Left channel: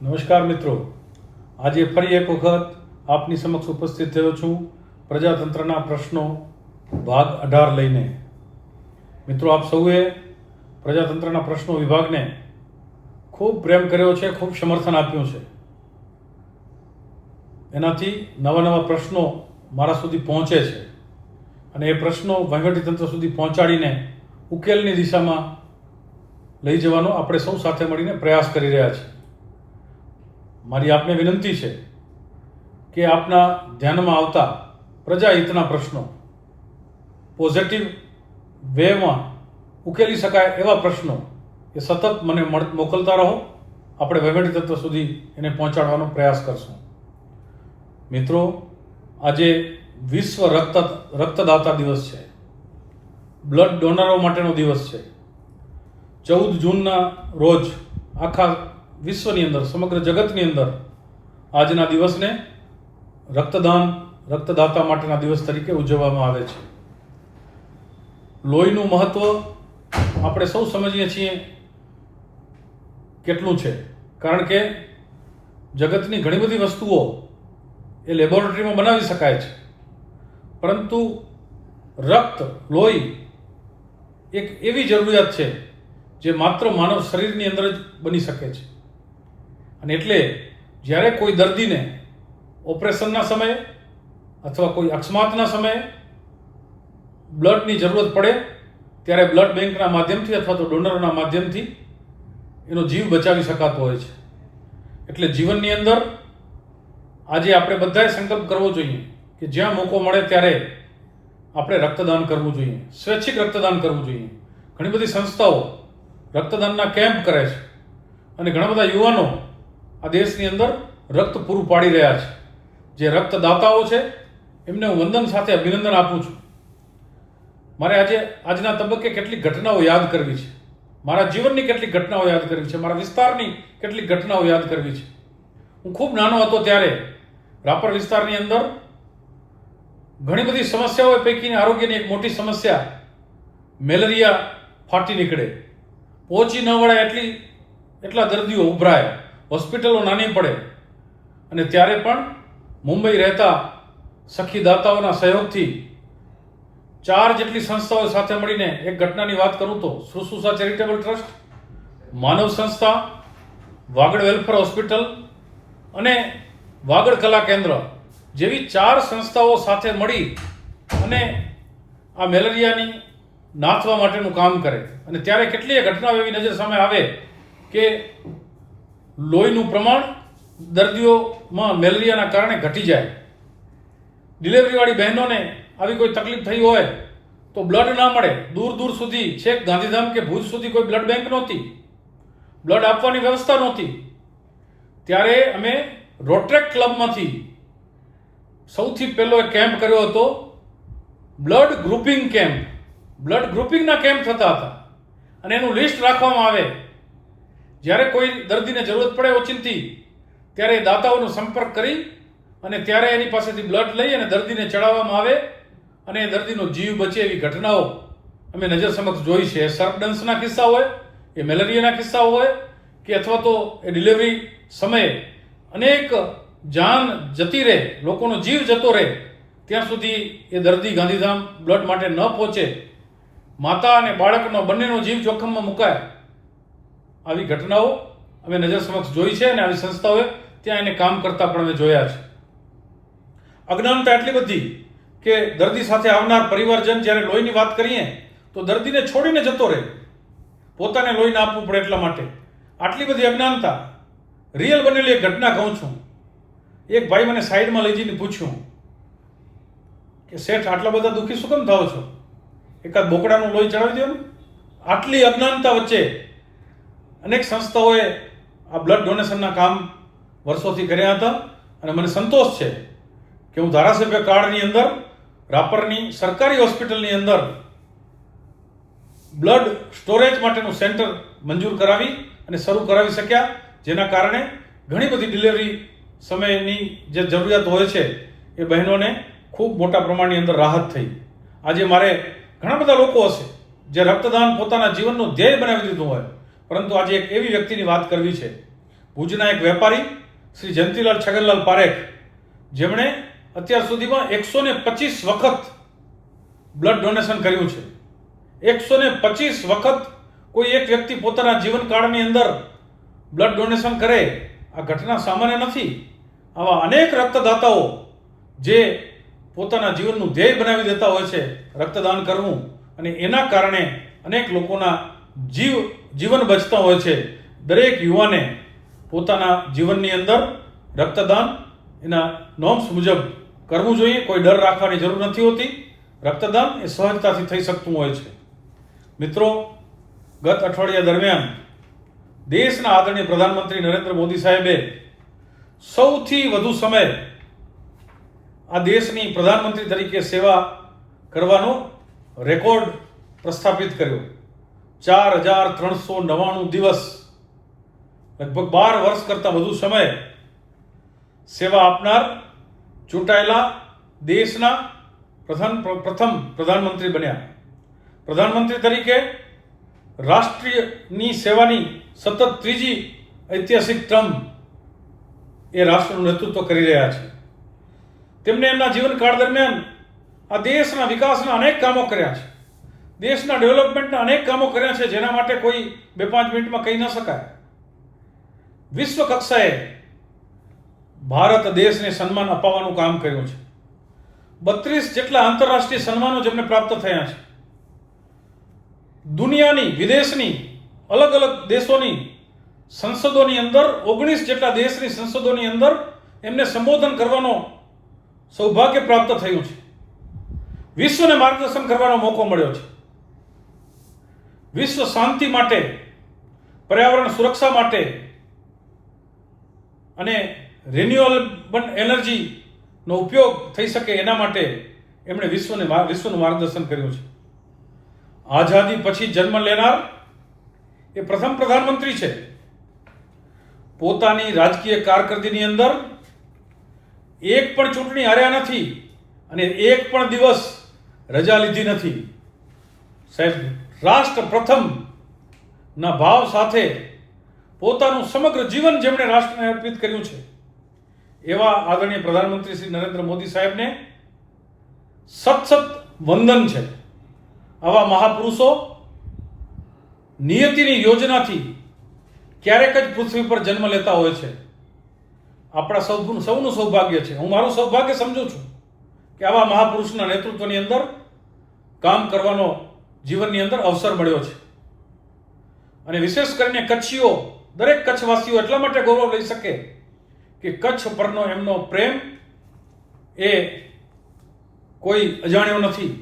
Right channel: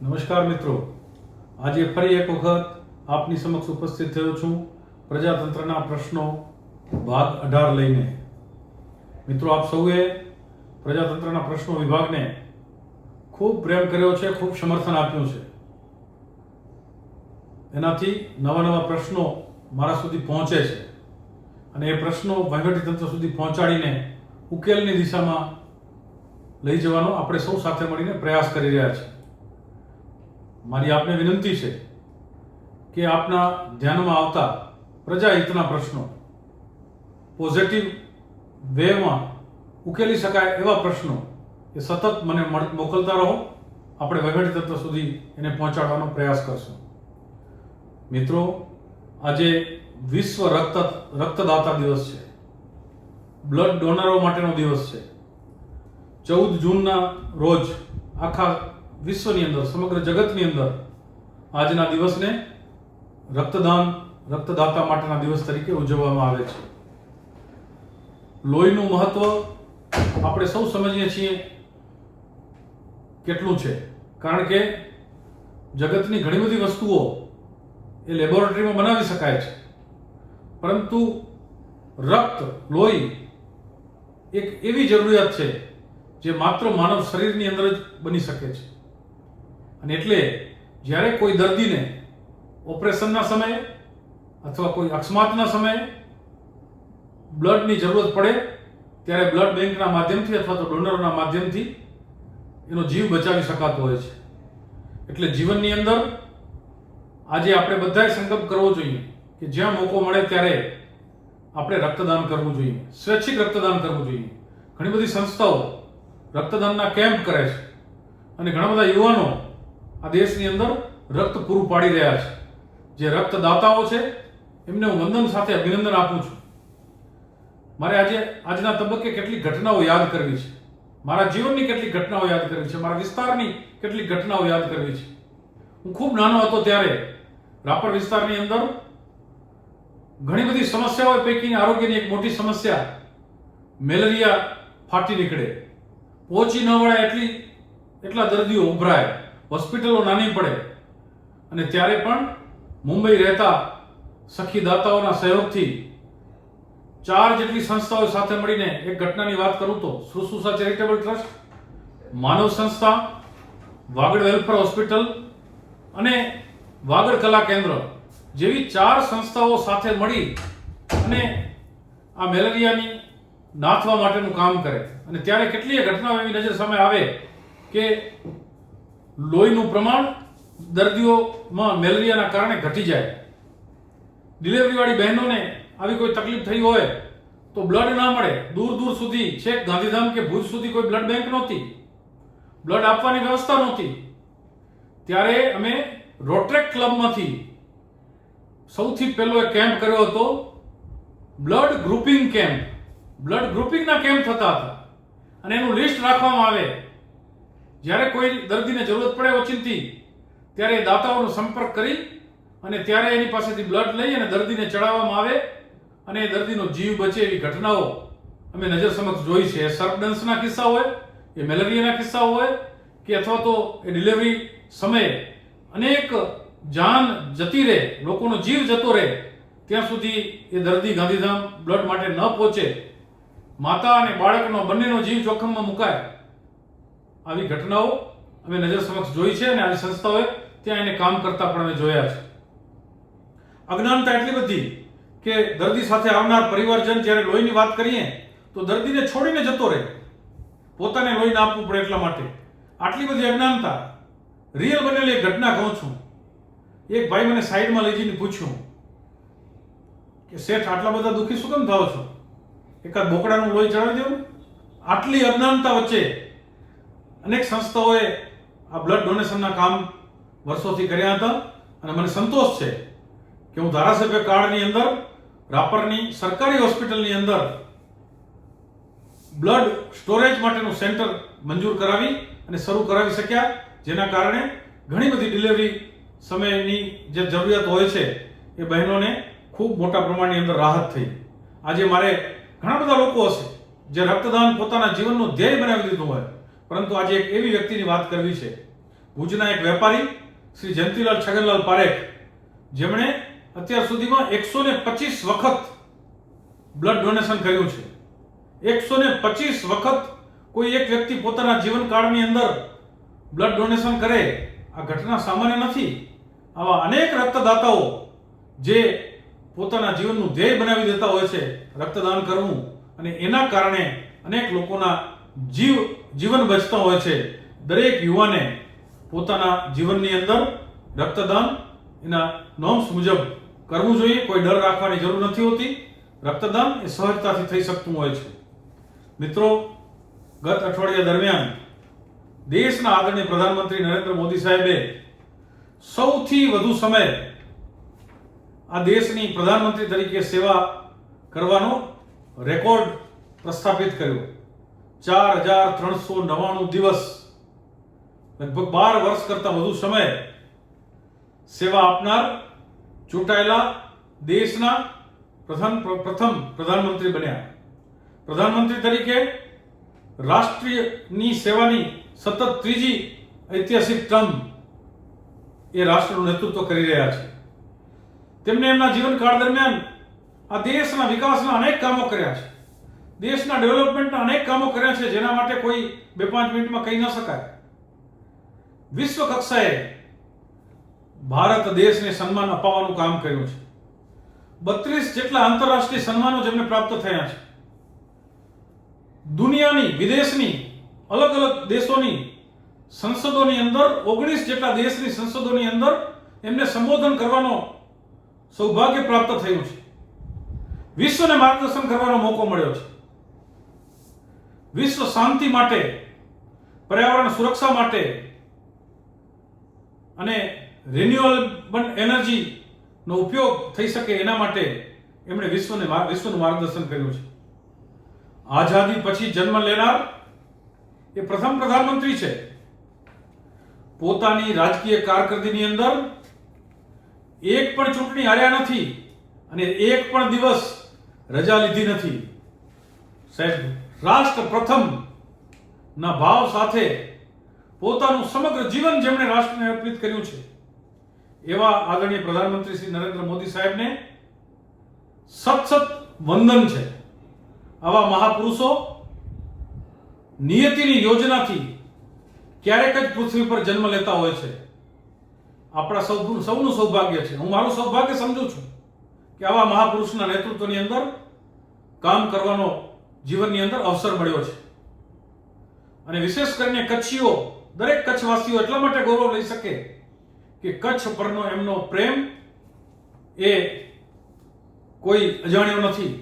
નમસ્કાર મિત્રો, આજે ફરી એક વખત આપની સમક્ષ ઉપસ્થિત થયો છું પ્રજાતંત્રના પ્રશ્નો ભાગ 18 લઈને. મિત્રો, આપ સૌએ પ્રજાતંત્રના પ્રશ્નો વિભાગને ખૂબ પ્રેમ કર્યો છે, ખૂબ સમર્થન આપ્યું છે. એનાથી નવા નવા પ્રશ્નો મારા સુધી પહોંચે છે અને એ પ્રશ્નો વહીવટીતંત્ર સુધી પહોંચાડીને ઉકેલની દિશામાં લઈ જવાનો આપણે સૌ સાથે મળીને પ્રયાસ કરી રહ્યા છીએ. મારી આપને વિનંતી છે કે આપના ધ્યાનમાં આવતા પ્રજાહિતના પ્રશ્નો પોઝિટિવ વેમાં ઉકેલી શકાય એવા પ્રશ્નો એ સતત મને મોકલતા રહો. આપણે વહીવટીતંત્ર સુધી એને પહોંચાડવાનો પ્રયાસ કરશું. મિત્રો, આજે વિશ્વ રક્તદાતા દિવસ છે. બ્લડ ડોનરો માટેનો દિવસ છે. 14 જૂનના રોજ આખા વિશ્વની અંદર, સમગ્ર જગતની અંદર આજના દિવસને રક્તદાતા માટેના દિવસ તરીકે ઉજવવામાં આવે છે. લોહીનું મહત્વ આપણે સૌ સમજીએ છીએ કેટલું છે, કારણ કે જગતની ઘણી બધી વસ્તુઓ એ લેબોરેટરીમાં બનાવી શકાય છે, પરંતુ લોહી એક એવી જરૂરિયાત છે જે માત્ર માનવ શરીરની અંદર જ બની શકે છે. અને એટલે જ્યારે કોઈ દર્દીને ઓપરેશનના સમયે અથવા કોઈ અકસ્માતના સમયે બ્લડની જરૂરત પડે ત્યારે બ્લડ બેંકના માધ્યમથી અથવા તો ડોનરના માધ્યમથી એનો જીવ બચાવી શકાતો હોય છે. એટલે જીવનની અંદર આજે આપણે બધાએ સંકલ્પ કરવો જોઈએ કે જ્યાં મોકો મળે ત્યારે આપણે રક્તદાન કરવું જોઈએ, સ્વૈચ્છિક રક્તદાન કરવું જોઈએ. ઘણી બધી સંસ્થાઓ રક્તદાનના કેમ્પ કરે છે અને ઘણા બધા યુવાનો આ દેશની અંદર રક્ત પૂરું પાડી રહ્યા છે. જે રક્તદાતાઓ છે એમને હું વંદન સાથે અભિનંદન આપું છું. મારે આજના તબક્કે કેટલીક ઘટનાઓ યાદ કરવી છે. મારા જીવનની કેટલીક ઘટનાઓ યાદ કરવી છે. મારા વિસ્તારની કેટલીક ઘટનાઓ યાદ કરવી છે. હું ખૂબ નાનો હતો ત્યારે રાપર વિસ્તારની અંદર ઘણી બધી સમસ્યાઓ પૈકીની આરોગ્યની એક મોટી સમસ્યા મેલેરિયા ફાટી નીકળે, પહોંચી ન વળે એટલા દર્દીઓ ઉભરાય, હોસ્પિટલો નાની પડે. અને ત્યારે પણ મુંબઈ રહેતા સખીદાતાઓના સહયોગથી 4 જેટલી સંસ્થાઓ સાથે મળીને એક ઘટનાની વાત કરું તો શુશ્રુષા ચેરિટેબલ ટ્રસ્ટ, માનવ સંસ્થા, વાગડ વેલફેર હોસ્પિટલ અને વાગડ કલા કેન્દ્ર જેવી 4 સંસ્થાઓ સાથે મળી અને આ મેલેરિયાની નાથવા માટેનું કામ કરે. અને ત્યારે કેટલીય ઘટનાઓ એવી નજર સામે આવે કે લોહીનું પ્રમાણ દર્દીઓમાં મેલેરિયાના કારણે ઘટી જાય. ડિલિવરીવાળી બહેનોને આવી કોઈ તકલીફ થઈ હોય તો બ્લડ ના મળે. દૂર સુધી, છેક ગાંધીધામ કે ભુજ સુધી કોઈ બ્લડ બેંક નહોતી, બ્લડ આપવાની વ્યવસ્થા નહોતી. ત્યારે અમે રોટરેક ક્લબમાંથી સૌથી પહેલો એક કેમ્પ કર્યો હતો, બ્લડ ગ્રુપિંગ કેમ્પ. બ્લડ ગ્રુપિંગના કેમ્પ થતા હતા અને એનું લિસ્ટ રાખવામાં આવે. જ્યારે કોઈ દર્દીને જરૂરત પડે ઓચિંતી ત્યારે દાતાઓનો સંપર્ક કરી અને ત્યારે એની પાસેથી બ્લડ લઈ અને દર્દીને ચડાવવામાં આવે અને એ દર્દીનો જીવ બચે એવી ઘટનાઓ અમે નજર સમક્ષ જોઈ છે. સર્પડન્સના કિસ્સા હોય, એ મેલેરિયાના કિસ્સા હોય કે અથવા તો એ ડિલિવરી સમયે અનેક જાન જતી રહે, લોકોનો જીવ જતો રહે, ત્યાં સુધી એ દર્દી ગાંધીધામ બ્લડ માટે ન પહોંચે, માતા અને બાળકનો બંનેનો જીવ જોખમમાં મુકાય. આવી ઘટનાઓ અમે નજર સમક્ષ જોઈ છે અને આવી સંસ્થાઓએ ત્યાં એને કામ કરતા પણ અમે જોયા છે. અજ્ઞાનતા એટલી બધી કે દર્દી સાથે આવનાર પરિવારજન જ્યારે લોહીની વાત કરીએ તો દર્દીને છોડીને જતો રહે, પોતાને લોહી ના આપવું પડે એટલા માટે. આટલી બધી અજ્ઞાનતા. રિયલ બનેલી એક ઘટના કહું છું. એક ભાઈ મને સાઈડમાં લઈ જઈને પૂછ્યું કે શેઠ, આટલા બધા દુઃખી શું કેમ થાવ છો? એકાદ બોકડાનું લોહી ચડાવી દો ને. આટલી અજ્ઞાનતા વચ્ચે અનેક સંસ્થાઓએ આ બ્લડ ડોનેશનના કામ વર્ષોથી કર્યા હતા અને મને સંતોષ છે કે હું ધારાસભ્ય કાળની અંદર રાપરની સરકારી હોસ્પિટલની અંદર બ્લડ સ્ટોરેજ માટેનું સેન્ટર મંજૂર કરાવી અને શરૂ કરાવી શક્યા, જેના કારણે ઘણી બધી ડિલિવરી સમયની જે જરૂરિયાત હોય છે એ બહેનોને ખૂબ મોટા પ્રમાણની અંદર રાહત થઈ. આજે મારે ઘણા બધા લોકો હશે જે રક્તદાન પોતાના જીવનનું ધ્યેય બનાવી લીધું હોય, પરંતુ આજે એક એવી વ્યક્તિની વાત કરવી છે ભુજના એક વેપારી શ્રી જયંતિલાલ છગનલાલ પારેખ, જેમણે અત્યાર સુધીમાં 125 વખત બ્લડ ડોનેશન કર્યું છે. 125 વખત કોઈ એક વ્યક્તિ પોતાના જીવનકાળની અંદર બ્લડ ડોનેશન કરે, આ ઘટના સામાન્ય નથી. આવા અનેક રક્તદાતાઓ જે પોતાના જીવનનું ધ્યેય બનાવી દેતા હોય છે રક્તદાન કરવું, અને એના કારણે અનેક લોકોના જીવન બચતા હોય છે. દરેક યુવાને પોતાના જીવનની અંદર રક્તદાન એના નોર્મ્સ મુજબ કરવું જોઈએ. કોઈ ડર રાખવાની જરૂર નથી હોતી. રક્તદાન એ સહજતાથી થઈ શકતું હોય છે. મિત્રો, ગત અઠવાડિયા દરમિયાન દેશના આદરણીય પ્રધાનમંત્રી નરેન્દ્ર મોદી સાહેબે સૌથી વધુ સમય આ દેશની પ્રધાનમંત્રી તરીકે સેવા કરવાનો રેકોર્ડ પ્રસ્થાપિત કર્યો. 4,399 દિવસ, લગભગ 12 વર્ષ કરતા વધુ સમય સેવા આપનાર ચૂંટાયેલા દેશના પ્રથમ પ્રધાનમંત્રી બન્યા. પ્રધાનમંત્રી તરીકે રાષ્ટ્રની સેવાની સતત ત્રીજી ઐતિહાસિક ટર્મ એ રાષ્ટ્રનું નેતૃત્વ કરી રહ્યા છે. તેમણે એમના જીવનકાળ દરમિયાન આ દેશના વિકાસના અનેક કામો કર્યા છે. દેશના ડેવલપમેન્ટના અનેક કામો કર્યા છે, જેના માટે કોઈ 2-5 મિનિટમાં કહી ન શકાય. વિશ્વ કક્ષાએ ભારત દેશને સન્માન અપાવવાનું કામ કર્યું છે. 32 જેટલા આંતરરાષ્ટ્રીય સન્માનો જેમને પ્રાપ્ત થયા છે. દુનિયાની, વિદેશની, અલગ અલગ દેશોની સંસદોની અંદર, 19 જેટલા દેશની સંસદોની અંદર એમને સંબોધન કરવાનો સૌભાગ્ય પ્રાપ્ત થયું છે. વિશ્વને માર્ગદર્શન કરવાનો મોકો મળ્યો છે. વિશ્વ શાંતિ માટે, પર્યાવરણ સુરક્ષા માટે અને રિન્યુએબલ એનર્જીનો ઉપયોગ થઈ શકે એના માટે એમણે વિશ્વનું માર્ગદર્શન કર્યું છે. આઝાદી પછી જન્મ લેનાર એ પ્રથમ પ્રધાનમંત્રી છે. પોતાની રાજકીય કારકિર્દીની અંદર એક પણ ચૂંટણી હાર્યા નથી અને એક પણ દિવસ રજા લીધી નથી. સાહેબ, રાષ્ટ્ર પ્રથમ ના ભાવ સાથે પોતાનું સમગ્ર જીવન જેમણે રાષ્ટ્રને અર્પિત કર્યું છે એવા આદરણીય પ્રધાનમંત્રી શ્રી નરેન્દ્ર મોદી સાહેબને સત વંદન છે. આવા મહાપુરુષો નિયતિની યોજનાથી ક્યારેક જ પૃથ્વી પર જન્મ લેતા હોય છે. આપણા સૌનું સૌભાગ્ય છે. હું મારું સૌભાગ્ય સમજું છું કે આવા મહાપુરુષના નેતૃત્વની અંદર કામ કરવાનો જીવનની અંદર અવસર મળ્યો છે. અને વિશેષ કરીને કચ્છીઓ, દરેક કચ્છવાસીઓ એટલા માટે ગૌરવ લઈ શકે કે કચ્છ પરનો એમનો પ્રેમ એ કોઈ અજાણ્યો નથી.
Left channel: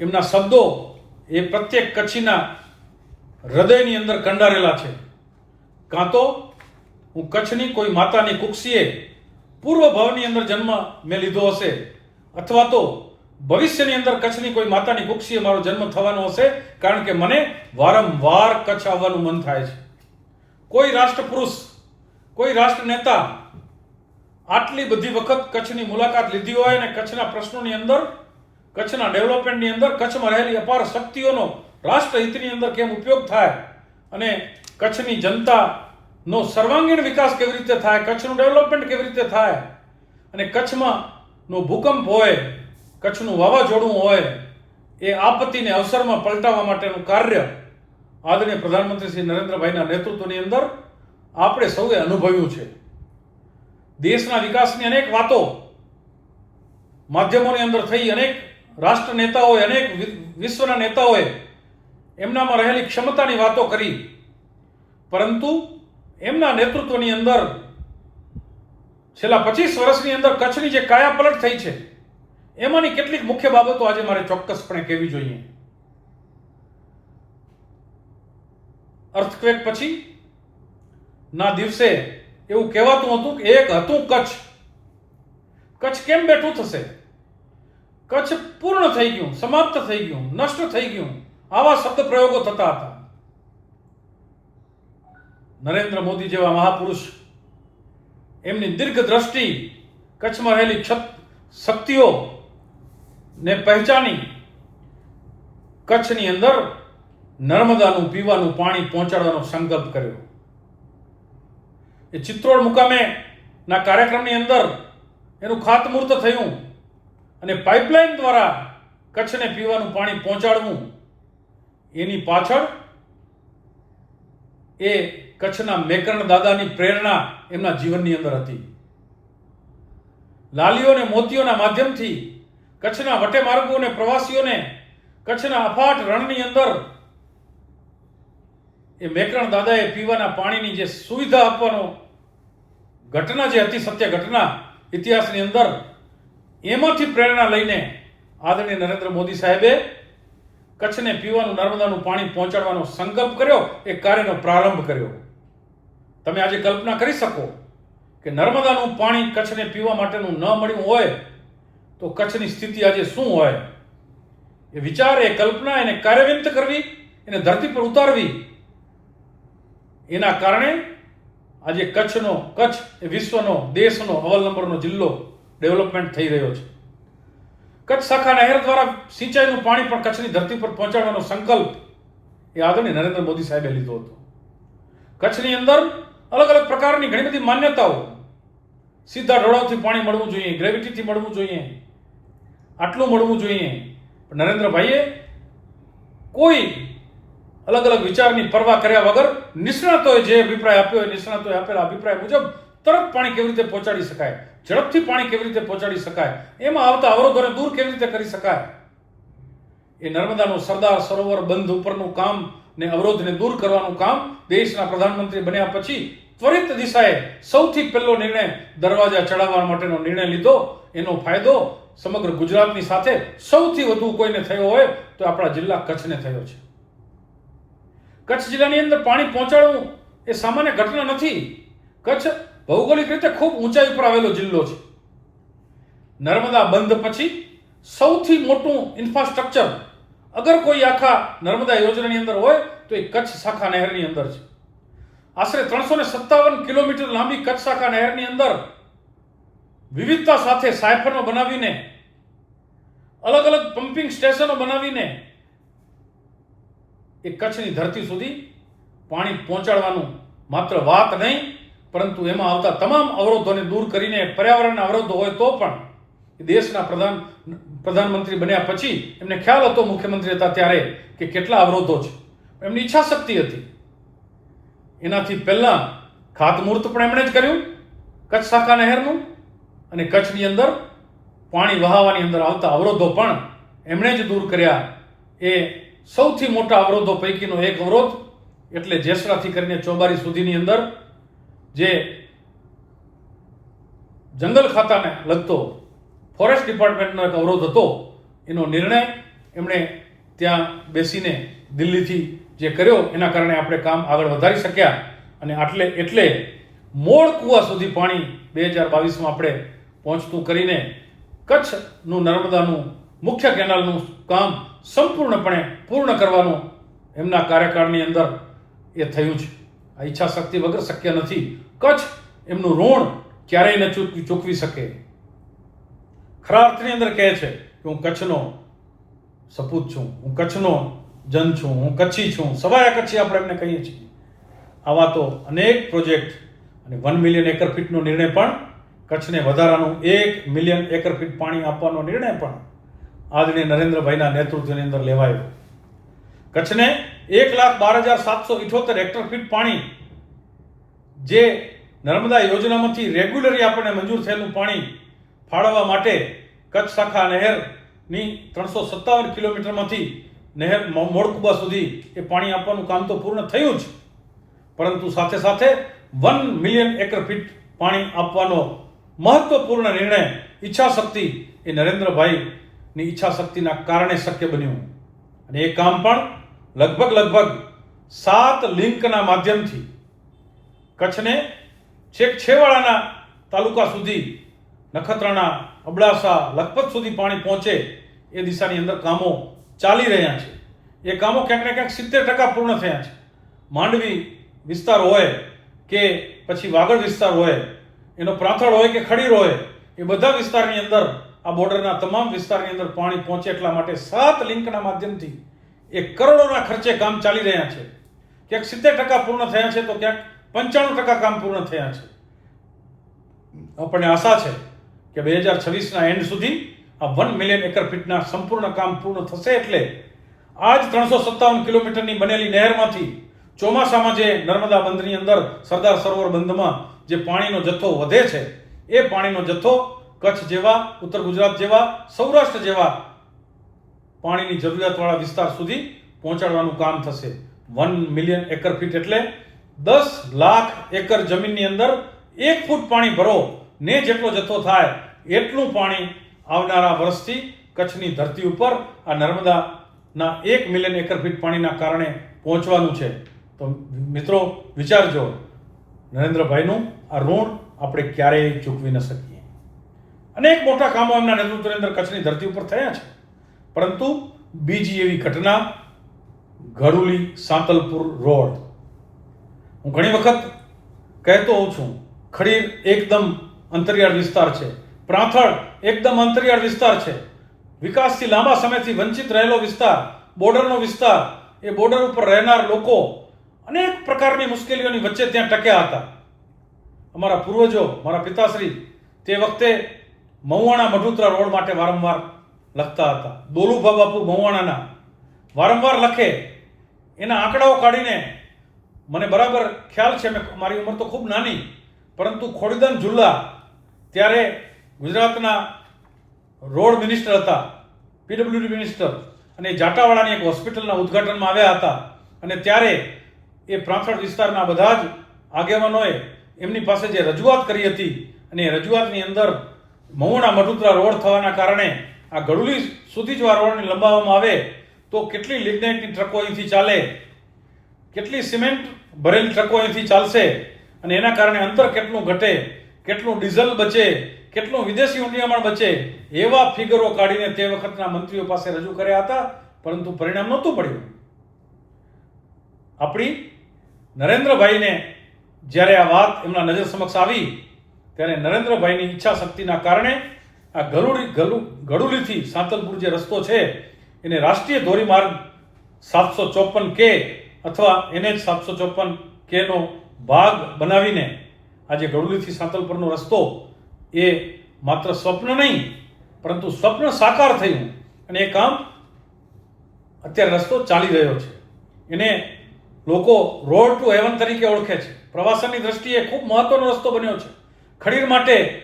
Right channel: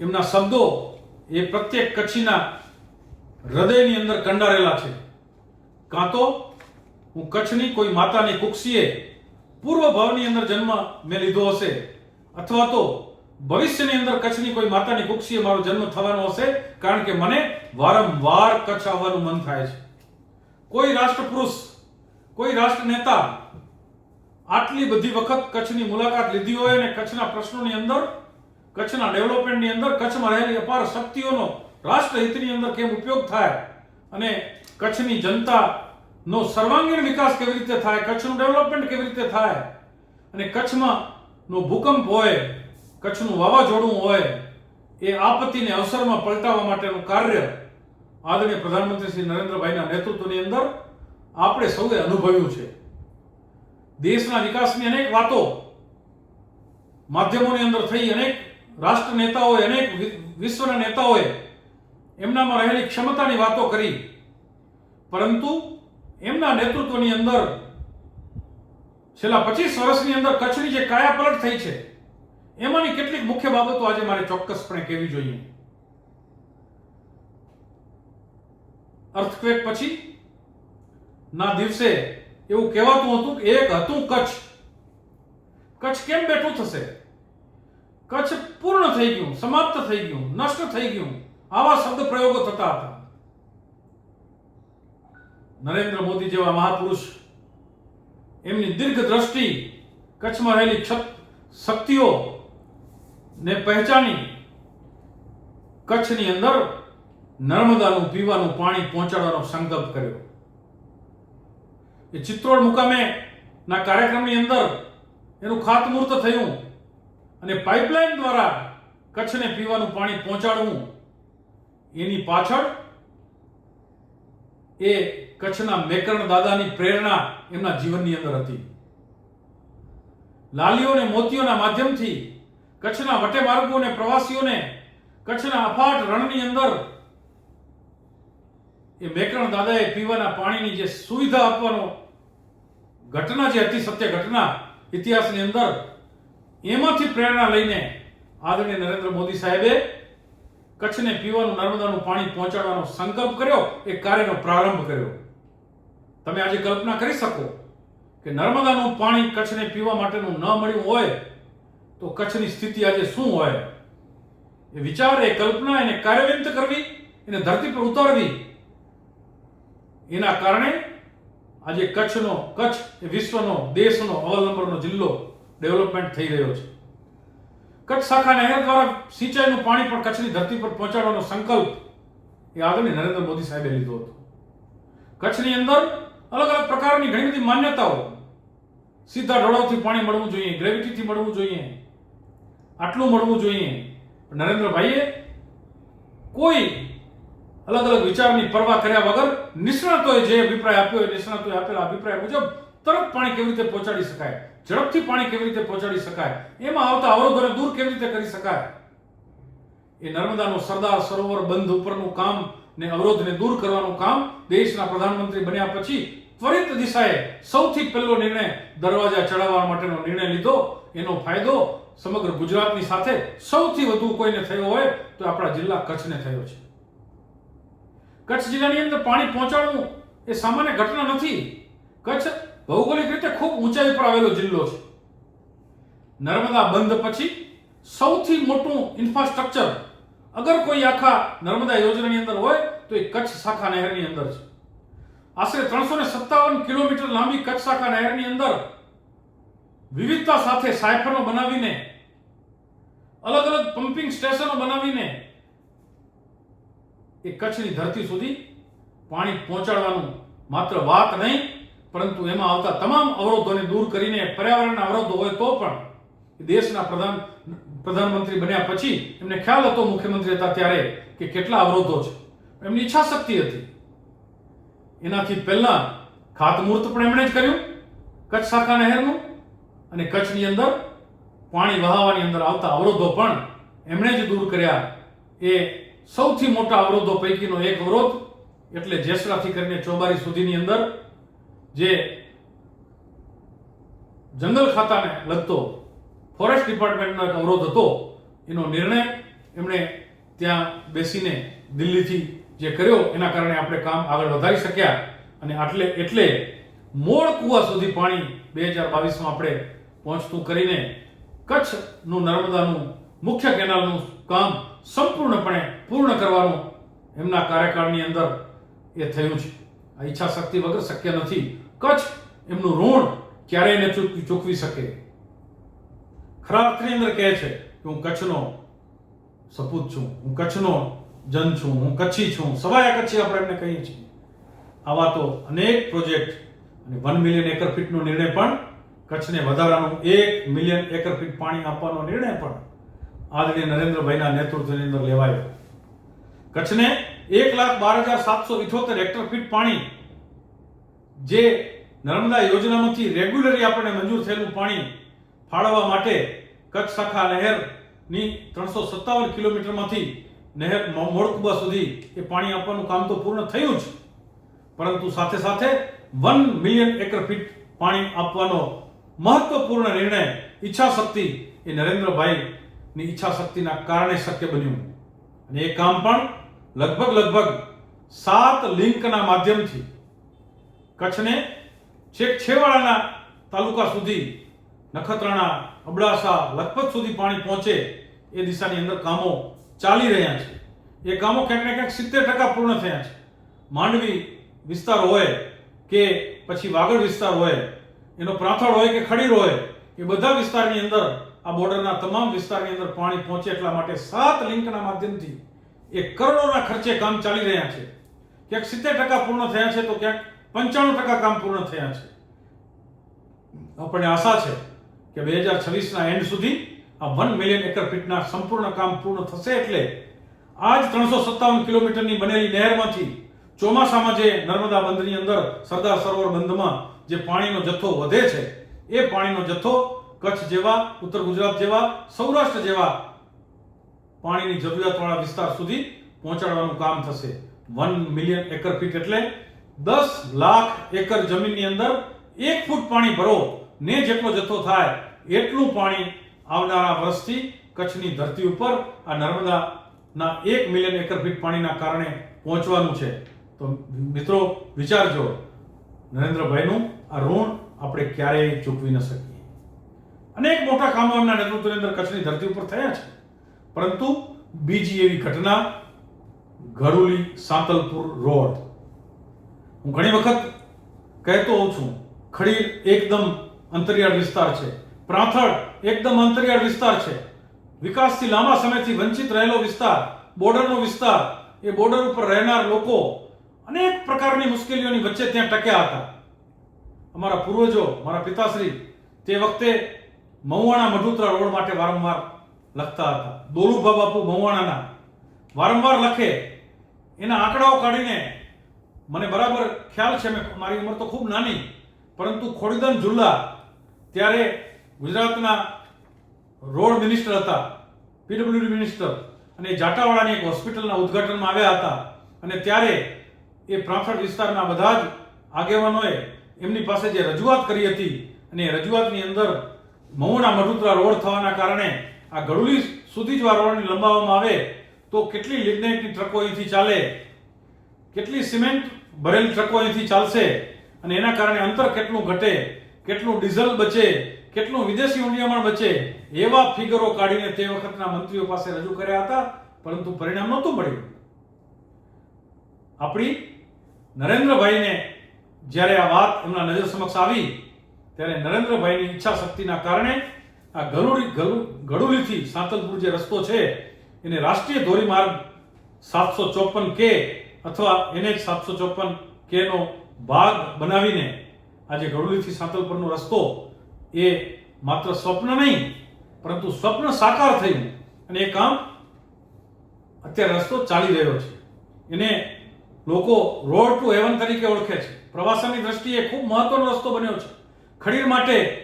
એમના શબ્દો એ પ્રત્યેક કચ્છીના હૃદયની અંદર કંડારેલા છે. કાં તો હું કચ્છની કોઈ માતાની કુક્ષીએ પૂર્વ ભાવની અંદર જન્મ મેં લીધો હશે, અથવા તો ભવિષ્યની અંદર કચ્છની કોઈ માતાની કુક્ષીએ મારો જન્મ થવાનો હશે, કારણ કે મને વારંવાર કચ્છ આવવાનું મન થાય છે. કોઈ રાષ્ટ્રપુરુષ, કોઈ રાષ્ટ્ર નેતા આટલી બધી વખત કચ્છની મુલાકાત લીધી હોય અને કચ્છના પ્રશ્નોની અંદર, કચ્છના ડેવલપમેન્ટની અંદર, કચ્છમાં રહેલી અપાર શક્તિઓનો રાષ્ટ્રહિતની અંદર કેમ ઉપયોગ થાય અને કચ્છની જનતાનો સર્વાંગીણ વિકાસ કેવી રીતે થાય, કચ્છનું ડેવલપમેન્ટ કેવી રીતે થાય, અને કચ્છમાં નો ભૂકંપ હોય, કચ્છનું વાવાઝોડું હોય, એ આપત્તિને અવસરમાં પલટાવવા માટેનું કાર્ય આદરણીય પ્રધાનમંત્રી શ્રી નરેન્દ્રભાઈના નેતૃત્વની અંદર આપણે સૌએ અનુભવ્યું છે. દેશના વિકાસની અનેક વાતો માધ્યમોની અંદર થઈ, અનેક રાષ્ટ્ર નેતાઓએ, અનેક વિશ્વના નેતાઓએ એમનામાં રહેલી ક્ષમતાની વાતો કરી, પરંતુ એમના નેતૃત્વની અંદર છેલ્લા 25 વર્ષની અંદર કચ્છની જે કાયાપલટ થઈ છે એમાંની કેટલીક મુખ્ય બાબતો આજે મારે ચોક્કસપણે કહેવી જોઈએ. અર્થક્વેક પછી ના દિવસે એવું કહેવાતું હતું કે એક હતું કચ્છ. કચ્છ કેમ બેઠું થશે? કચ્છ પૂર્ણ થઈ ગયું, સમાપ્ત થઈ ગયું, નષ્ટ થઈ ગયું, આવા શબ્દ પ્રયોગો થતા હતા. નરેન્દ્ર મોદી જેવા મહાપુરુષ એમની દીર્ઘ દ્રષ્ટિ, કચ્છમાં રહેલી શક્તિઓ ને પહેચાની કચ્છની અંદર નર્મદાનું પીવાનું પાણી પહોંચાડવાનો સંકલ્પ કર્યો. એ ચિત્રોડ મુકામે ના કાર્યક્રમની અંદર એનું ખાતમુહૂર્ત થયું અને પાઇપલાઇન દ્વારા કચ્છને પીવાનું પાણી પહોંચાડવું, એની પાછળ એ કચ્છના મેકરણ દાદાની પ્રેરણા એમના જીવનની અંદર હતી. લાલીઓ અને મોતીઓના માધ્યમથી કચ્છના વટે માર્ગો અને પ્રવાસીઓને કચ્છના અફાટ રણની અંદર એ મેકરણ દાદાએ પીવાના પાણીની જે સુવિધા આપવાનો ઘટના જે હતી, સત્ય ઘટના ઇતિહાસની અંદર, એમાંથી પ્રેરણા લઈને આદરણીય નરેન્દ્ર મોદી સાહેબે કચ્છને પીવાનું નર્મદાનું પાણી પહોંચાડવાનો સંકલ્પ કર્યો, એ કાર્યનો પ્રારંભ કર્યો. તમે આજે કલ્પના કરી શકો કે નર્મદાનું પાણી કચ્છને પીવા માટેનું ન મળ્યું હોય તો કચ્છની સ્થિતિ આજે શું હોય. એ વિચાર, એ કલ્પના, એને કાર્યવંત કરવી, એને ધરતી પર ઉતારવી, એના કારણે આજે કચ્છ એ વિશ્વનો, દેશનો અવ્વલ નંબરનો જિલ્લો ડેવલપમેન્ટ થઈ રહ્યો છે. કચ્છ શાખા નહેર દ્વારા સિંચાઈનું પાણી પણ કચ્છની ધરતી પર પહોંચાડવાનો સંકલ્પ એ આદરણીય નરેન્દ્ર મોદી સાહેબે લીધો હતો. કચ્છની અંદર અલગ અલગ પ્રકારની ઘણી બધી માન્યતાઓ, સીધા ઢોળાવથી પાણી મળવું જોઈએ, ગ્રેવિટીથી મળવું જોઈએ, આટલું મળવું જોઈએ. પણ નરેન્દ્રભાઈએ કોઈ અલગ અલગ વિચારની પરવા કર્યા વગર નિષ્ણાતોએ જે અભિપ્રાય આપ્યો હોય, નિષ્ણાતોએ આપેલા અભિપ્રાય મુજબ તરત પાણી કેવી રીતે પહોંચાડી શકાય, ઝડપથી પાણી કેવી રીતે પહોંચાડી શકાય, એમાં આવતા અવરોધોને દૂર કેવી રીતે કરી શકાય, એ નર્મદાનું સરદાર સરોવર બંધ ઉપરનું કામ ને અવરોધને દૂર કરવાનું કામ દેશના પ્રધાનમંત્રી બન્યા પછી ત્વરિત દિશાએ સૌથી પહેલો નિર્ણય દરવાજા ચડાવવા માટેનો નિર્ણય લીધો. એનો ફાયદો સમગ્ર ગુજરાતની સાથે સૌથી વધુ કોઈને થયો હોય તો આપણા જિલ્લા કચ્છને થયો છે. કચ્છ જિલ્લાની અંદર પાણી પહોંચાડવું એ સામાન્ય ઘટના નથી. કચ્છ ભૌગોલિક રીતે ખૂબ ઊંચાઈ પર આવેલો જિલ્લો છે. નર્મદા બંધ પછી સૌથી મોટું ઇન્ફ્રાસ્ટ્રક્ચર અગર કોઈ આખા નર્મદા યોજનાની અંદર હોય તો એ કચ્છ શાખા નહેરની અંદર છે. આશરે 357 કિલોમીટર લાંબી કચ્છ શાખા નહેરની અંદર વિવિધતા સાથે સાયફનો બનાવીને, અલગ અલગ પમ્પિંગ સ્ટેશનો બનાવીને એ કચ્છની ધરતી સુધી પાણી પહોંચાડવાનું માત્ર વાત નહીં, પરંતુ એમાં આવતા તમામ અવરોધોને દૂર કરીને, પર્યાવરણના અવરોધો હોય તો પણ દેશના પ્રધાનમંત્રી બન્યા પછી એમને ખ્યાલ હતો, મુખ્યમંત્રી હતા ત્યારે, કે કેટલા અવરોધો છે. એમની ઈચ્છા શક્તિ હતી. એનાથી પહેલા ખાતમુહૂર્ત પણ એમણે જ કર્યું કચ્છ શાખા નહેરનું, અને કચ્છની અંદર પાણી વહાવવાની અંદર આવતા અવરોધો પણ એમણે જ દૂર કર્યા. એ સૌથી મોટા અવરોધો પૈકીનો એક અવરોધ એટલે જેસરાથી કરીને ચોબારી સુધીની અંદર જે જંગલ ખાતાને લગતો ફોરેસ્ટ ડિપાર્ટમેન્ટનો એક અવરોધ હતો, એનો નિર્ણય એમણે ત્યાં બેસીને દિલ્હીથી જે કર્યો, એના કારણે આપણે કામ આગળ વધારી શક્યા. અને એટલે મોડ કુવા સુધી પાણી 2022માં આપણે પહોંચતું કરીને કચ્છનું નર્મદાનું મુખ્ય કેનાલનું કામ સંપૂર્ણપણે પૂર્ણ કરવાનું એમના કાર્યકાળની અંદર એ થયું છે. આ ઈચ્છા શક્તિ વગર શક્ય નથી. કચ્છ એમનું ઋણ ક્યારેય ન ચૂકવી શકે. ખરા અર્થની અંદર કહે છે કે હું કચ્છનો સપૂત છું, હું કચ્છનો જન છું, હું કચ્છી છું, સવાયા કચ્છી આપણે એમને કહીએ છીએ. આવા તો અનેક પ્રોજેક્ટ અને 1 મિલિયન એકર ફીટનો નિર્ણય પણ, કચ્છને વધારાનું 1 મિલિયન એકર ફીટ પાણી આપવાનો નિર્ણય પણ આદરણીય નરેન્દ્રભાઈના નેતૃત્વની અંદર લેવાયો. કચ્છને 1,12,778 હેક્ટર ફીટ પાણી જે નર્મદા યોજનામાંથી રેગ્યુલરી આપણને મંજૂર થયેલું પાણી ફાળવવા માટે કચ્છ શાખા નહેરની 357 કિલોમીટરમાંથી નહેર મોડકુબા સુધી એ પાણી આપવાનું કામ તો પૂર્ણ થયું જ, પરંતુ સાથે સાથે 1 મિલિયન એકર ફીટ પાણી આપવાનો મહત્વપૂર્ણ નિર્ણય, ઈચ્છા શક્તિ એ નરેન્દ્રભાઈની ઈચ્છા શક્તિના કારણે શક્ય બન્યું. અને એ કામ પણ લગભગ 7 લિંકના માધ્યમથી કચ્છને છેક છેવાડાના તાલુકા સુધી, નખત્રાણા, અબડાસા, લખપત સુધી પાણી પહોંચે એ દિશાની અંદર કામો ચાલી રહ્યા છે. એ કામો ક્યાંક ને ક્યાંક 70% પૂર્ણ થયા છે. માંડવી વિસ્તાર હોય કે પછી વાગડ વિસ્તાર હોય, એનો પ્રાંથળ હોય કે ખડીર હોય, એ બધા વિસ્તારની અંદર, આ બોર્ડરના તમામ વિસ્તારની અંદર પાણી પહોંચે એટલા માટે 7 લિંકના માધ્યમથી એ કરોડોના ખર્ચે કામ ચાલી રહ્યા છે. ક્યાંક 70% પૂર્ણ થયા છે તો ક્યાંક 95% કામ પૂર્ણ થયા છે. આપણને આશા છે કે 2026ના એન્ડ સુધી આ 1 મિલિયન એકર ફીટના સંપૂર્ણ કામ પૂર્ણ થશે. એટલે આજ 357 કિલોમીટરની બનેલી નહેરમાંથી ચોમાસામાં જે નર્મદા બંધની અંદર સરદાર સરોવર બંધમાં જે પાણીનો જથ્થો વધે છે, એ પાણીનો જથ્થો કચ્છ જેવા, ઉત્તર ગુજરાત જેવા, સૌરાષ્ટ્ર જેવા પાણીની જરૂરિયાતવાળા વિસ્તાર સુધી પહોંચાડવાનું કામ થશે. 1 મિલિયન એકર ફીટ એટલે 10 લાખ એકર જમીનની અંદર 1 ફૂટ પાણી ભરો ને જેટલો જથ્થો થાય એટલું પાણી આવનારા વર્ષથી કચ્છની ધરતી ઉપર આ નર્મદાના 1 મિલિયન એકર ફીટ પાણીના કારણે પહોંચવાનું છે. તો મિત્રો વિચારજો, નરેન્દ્રભાઈનું આ ઋણ આપણે ક્યારેય ચૂકવી ન શકીએ. અનેક મોટા કામો એમના નેતૃત્વની અંદર કચ્છની ધરતી ઉપર થયા છે, પરંતુ બીજી એવી ઘટના ગડુલી સાંતલપુર રોડ. હું ઘણી વખત કહેતો હોઉં છું, ખડીર એકદમ અંતરિયાળ વિસ્તાર છે, પ્રાંથળ એકદમ અંતરિયાળ વિસ્તાર છે, વિકાસથી લાંબા સમયથી વંચિત રહેલો વિસ્તાર, બોર્ડરનો વિસ્તાર. એ બોર્ડર ઉપર રહેનાર લોકો અનેક પ્રકારની મુશ્કેલીઓની વચ્ચે ત્યાં ટક્યા હતા. અમારા પૂર્વજો, મારા પિતાશ્રી તે વખતે મહુવાણા મઢુતરા રોડ માટે વારંવાર લખતા હતા. દોલુભા બાપુ મહુવાણાના વારંવાર લખે, એના આંકડાઓ કાઢીને મને બરાબર ખ્યાલ છે, મારી ઉંમર તો ખૂબ નાની, પરંતુ ખોડીદાન ઝુલ્લા ત્યારે ગુજરાતના રોડ મિનિસ્ટર હતા, પીડબ્લ્યુડી મિનિસ્ટર, અને જાટાવાડાની એક હોસ્પિટલના ઉદ્ઘાટનમાં આવ્યા હતા. અને ત્યારે એ પ્રાંથળ વિસ્તારના બધા જ આગેવાનોએ એમની પાસે જે રજૂઆત કરી હતી, અને એ રજૂઆતની અંદર મહુવાણા મઢુતરા રોડ થવાના કારણે આ ગડુલી સુધી જો આ રોડને લંબાવવામાં આવે તો કેટલી લિગ્નાઇટની ટ્રકો અહીંથી ચાલે, કેટલી સિમેન્ટ ભરેલી ટ્રકો અહીંથી ચાલશે, અને એના કારણે અંતર કેટલું ઘટે, કેટલું ડીઝલ બચે, કેટલું વિદેશી ઊંડિયામણ બચે, એવા ફિગરો કાઢીને તે વખતના મંત્રીઓ પાસે રજૂ કર્યા હતા, પરંતુ પરિણામ નહોતું મળ્યું. આપણી નરેન્દ્રભાઈને જ્યારે આ વાત એમના નજર સમક્ષ આવી, ત્યારે નરેન્દ્રભાઈની ઈચ્છા શક્તિના કારણે આ ગડુલીથી સાંતલપુર જે રસ્તો છે એને રાષ્ટ્રીય ધોરીમાર્ગ 754K અથવા NH 754K નો ભાગ બનાવીને આજે ગડુલીથી સાંતલપુરનો રસ્તો એ માત્ર સ્વપ્ન નહીં, પરંતુ સ્વપ્ન સાકાર થયું, અને એ કામ અત્યારે રસ્તો ચાલી રહ્યો છે. એને લોકો રોડ ટુ હેવન તરીકે ઓળખે છે. પ્રવાસનની દ્રષ્ટિએ ખૂબ મહત્વનો રસ્તો બન્યો છે. ખડીર માટે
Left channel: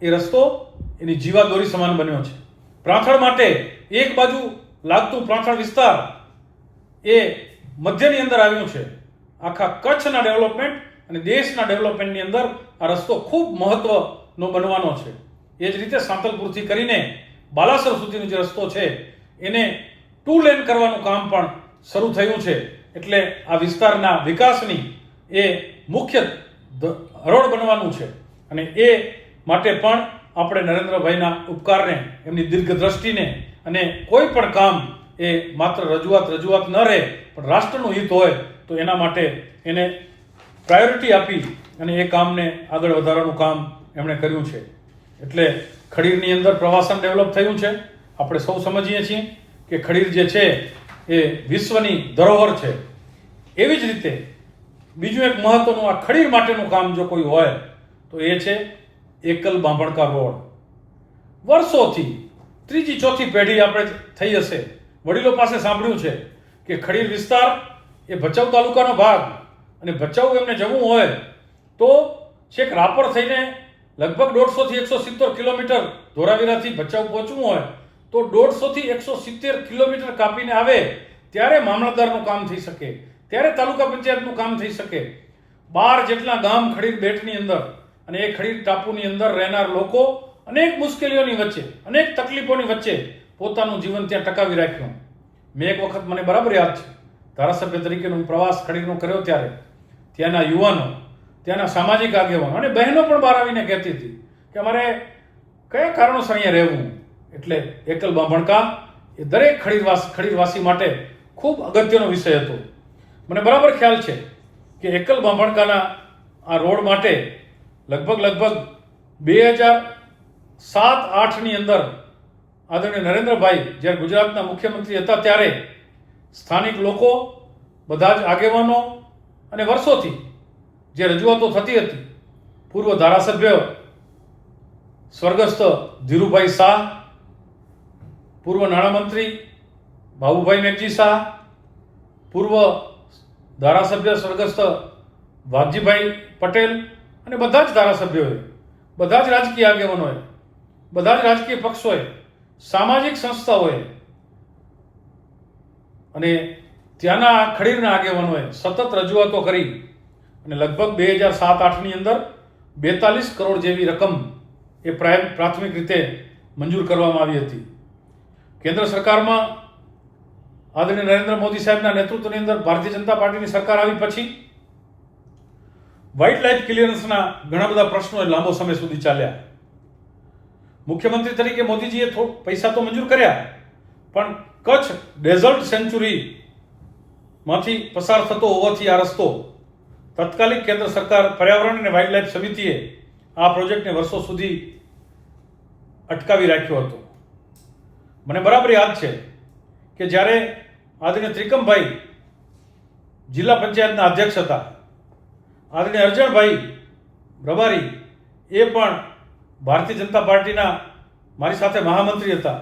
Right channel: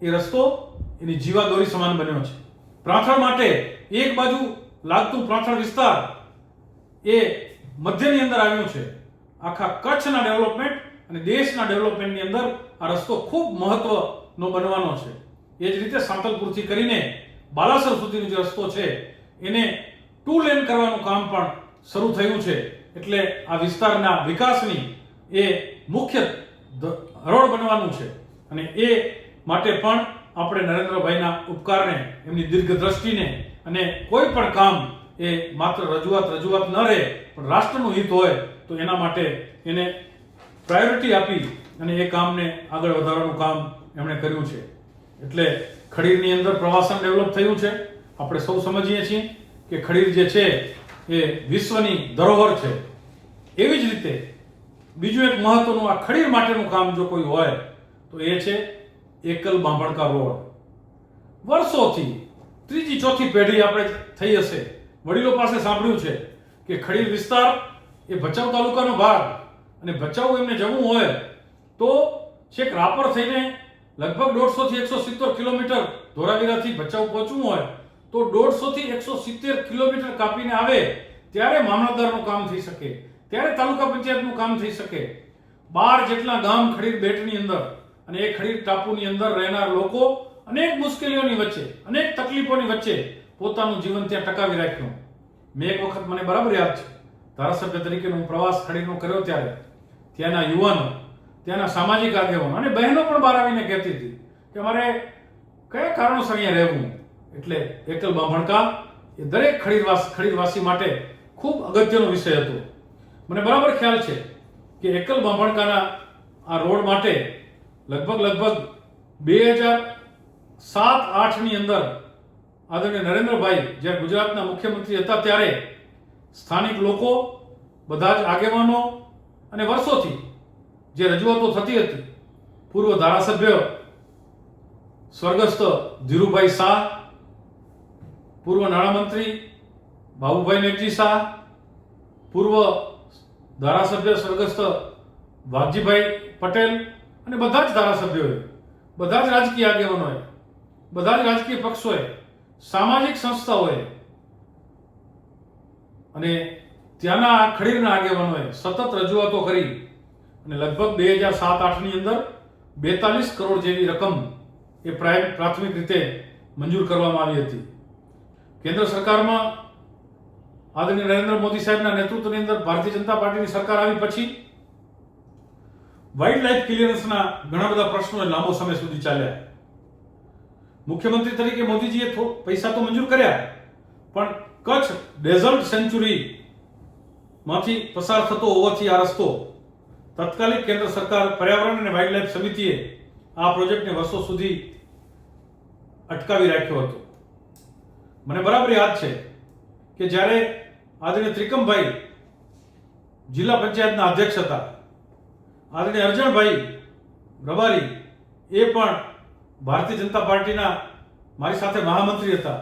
એ રસ્તો એની જીવાદોરી સમાન બન્યો છે. પ્રાંથળ માટે એક બાજુ લાગતું પ્રાંથળ વિસ્તાર એ મધ્યની અંદર આવ્યું છે. આખા કચ્છના ડેવલપમેન્ટ અને દેશના ડેવલપમેન્ટની અંદર આ રસ્તો ખૂબ મહત્વનો બનવાનો છે. એ જ રીતે સાંતલપુરથી કરીને બાલાસર સુધીનો જે રસ્તો છે એને 2 લેન કરવાનું કામ પણ શરૂ થયું છે. એટલે આ વિસ્તારના વિકાસની એ મુખ્ય હરોળ બનવાનું છે. અને એ માટે પણ આપણે નરેન્દ્રભાઈના ઉપકારને, એમની દીર્ઘ દ્રષ્ટિને, અને કોઈ પણ કામ એ માત્ર રજૂઆત ન રહે પણ રાષ્ટ્રનું હિત હોય તો એના માટે એને પ્રાયોરિટી આપી અને એ કામને આગળ વધારવાનું કામ એમણે કર્યું છે. એટલે ખડીરની અંદર પ્રવાસન ડેવલપ થયું છે. આપણે સૌ સમજીએ છીએ કે ખડીર જે છે એ વિશ્વની ધરોહર છે. એવી જ રીતે બીજું એક મહત્વનું આ ખડીર માટેનું કામ જો કોઈ હોય તો એ છે એકલ બાંભણકા રોડ. વર્ષોથી ત્રીજી ચોથી પેઢી આપણે થઈ હશે, વડીલો પાસે સાંભળ્યું છે કે ખડીર વિસ્તાર એ ભચાઉ તાલુકાનો ભાગ, અને ભચાઉ એમને જવું હોય તો છેક રાપર થઈને લગભગ 150 થી 170 કિલોમીટર, ધોરાવીરાથી ભચાઉ પહોંચવું હોય તો 150 થી 170 કિલોમીટર કાપીને આવે ત્યારે મામલતદારનું કામ થઈ શકે, ત્યારે તાલુકા પંચાયતનું કામ થઈ શકે. 12 જેટલા ગામ ખડીર બેટની અંદર, અને એ ખડીર ટાપુની અંદર રહેનાર લોકો અનેક મુશ્કેલીઓની વચ્ચે, અનેક તકલીફોની વચ્ચે પોતાનું જીવન ત્યાં ટકાવી રાખ્યું. મેં એક વખત, મને બરાબર યાદ છે, ધારાસભ્ય તરીકે હું પ્રવાસ ખડીરનો કર્યો ત્યારે ત્યાંના યુવાનો, ત્યાંના સામાજિક આગેવાનો અને બહેનો પણ બહાર આવીને કહેતી હતી કે અમારે કયા કારણોસર અહીંયા રહેવું. એટલે એકલ બાંભણકા એ દરેક ખડીરવાસી માટે ખૂબ અગત્યનો વિષય હતો. મને બરાબર ખ્યાલ છે કે એકલ બાંભણકાના આ રોડ માટે લગભગ 2007-8ની અંદર આદરણીય નરેન્દ્રભાઈ જ્યારે ગુજરાતના મુખ્યમંત્રી હતા ત્યારે સ્થાનિક લોકો, બધા જ આગેવાનો અને વર્ષોથી જે રજૂઆતો થતી હતી, પૂર્વ ધારાસભ્ય સ્વર્ગસ્થ ધીરુભાઈ શાહ, પૂર્વ નાણામંત્રી બાબુભાઈ મેઘજી શાહ, પૂર્વ ધારાસભ્ય સ્વર્ગસ્થ વાઘજીભાઈ પટેલ અને બધા જ ધારાસભ્યોએ, બધા જ રાજકીય આગેવાનોએ, બધા જ રાજકીય પક્ષોએ, સામાજિક સંસ્થાઓએ અને ત્યાંના ખડીરના આગેવાનોએ સતત રજૂઆતો કરી અને લગભગ 2007-8ની અંદર 42 કરોડ જેવી રકમ એ પ્રાથમિક રીતે મંજૂર કરવામાં આવી હતી. કેન્દ્ર સરકારમાં આદરણીય નરેન્દ્ર મોદી સાહેબના નેતૃત્વની અંદર ભારતીય જનતા પાર્ટીની સરકાર આવી પછી વાઇલ્ડ લાઇફ ક્લિયરન્સના ઘણા બધા પ્રશ્નો લાંબો સમય સુધી ચાલ્યા. મુખ્યમંત્રી તરીકે મોદીજીએ પૈસા તો મંજૂર કર્યા, પણ કચ્છ ડેઝર્ટ સેન્ચુરી માંથી પસાર થતો હોવાથી આ રસ્તો તત્કાલિક કેન્દ્ર સરકાર પર્યાવરણ અને વાઇલ્ડ લાઇફ સમિતિએ આ પ્રોજેક્ટને વર્ષો સુધી અટકાવી રાખ્યો હતો. મને બરાબર યાદ છે કે જ્યારે આદરણીય ત્રિકમભાઈ જિલ્લા પંચાયતના અધ્યક્ષ હતા, આદરણીય અરજણભાઈ રબારી એ પણ ભારતીય જનતા પાર્ટીના મારી સાથે મહામંત્રી હતા,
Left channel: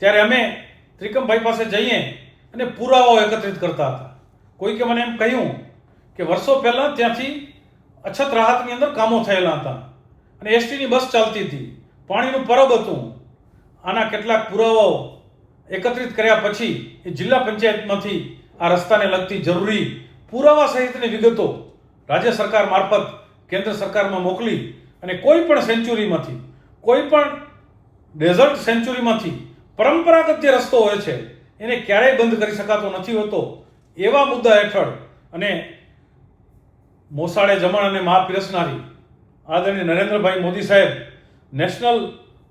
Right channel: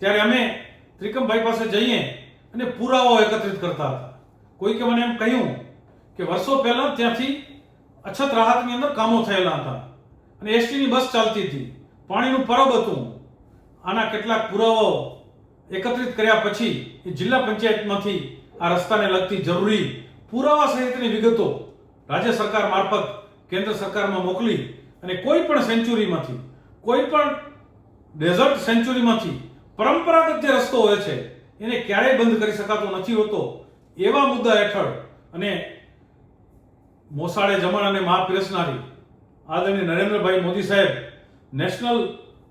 ત્યારે અમે ત્રિકમભાઈ પાસે જઈએ અને પુરાવાઓ એકત્રિત કરતા હતા. કોઈકે મને એમ કહ્યું કે વર્ષો પહેલા ત્યાંથી અછત રાહતની અંદર કામો થયેલા હતા અને એસટીની બસ ચાલતી હતી, પાણીનું પરબ હતું. આના કેટલાક પુરાવાઓ એકત્રિત કર્યા પછી એ જિલ્લા પંચાયતમાંથી આ રસ્તાને લગતી જરૂરી પુરાવા સહિતની વિગતો રાજ્ય સરકાર મારફત કેન્દ્ર સરકારમાં મોકલી અને કોઈ પણ સેન્ચુરીમાંથી, કોઈ પણ ડેઝર્ટ સેન્ચુરીમાંથી પરંપરાગત જે રસ્તો હોય છે એને ક્યારેય બંધ કરી શકાતો નથી હોતો, એવા મુદ્દા હેઠળ અને મોસાળે જમણ અને મા પીરસનારી આદરણીય નરેન્દ્રભાઈ મોદી સાહેબ નેશનલ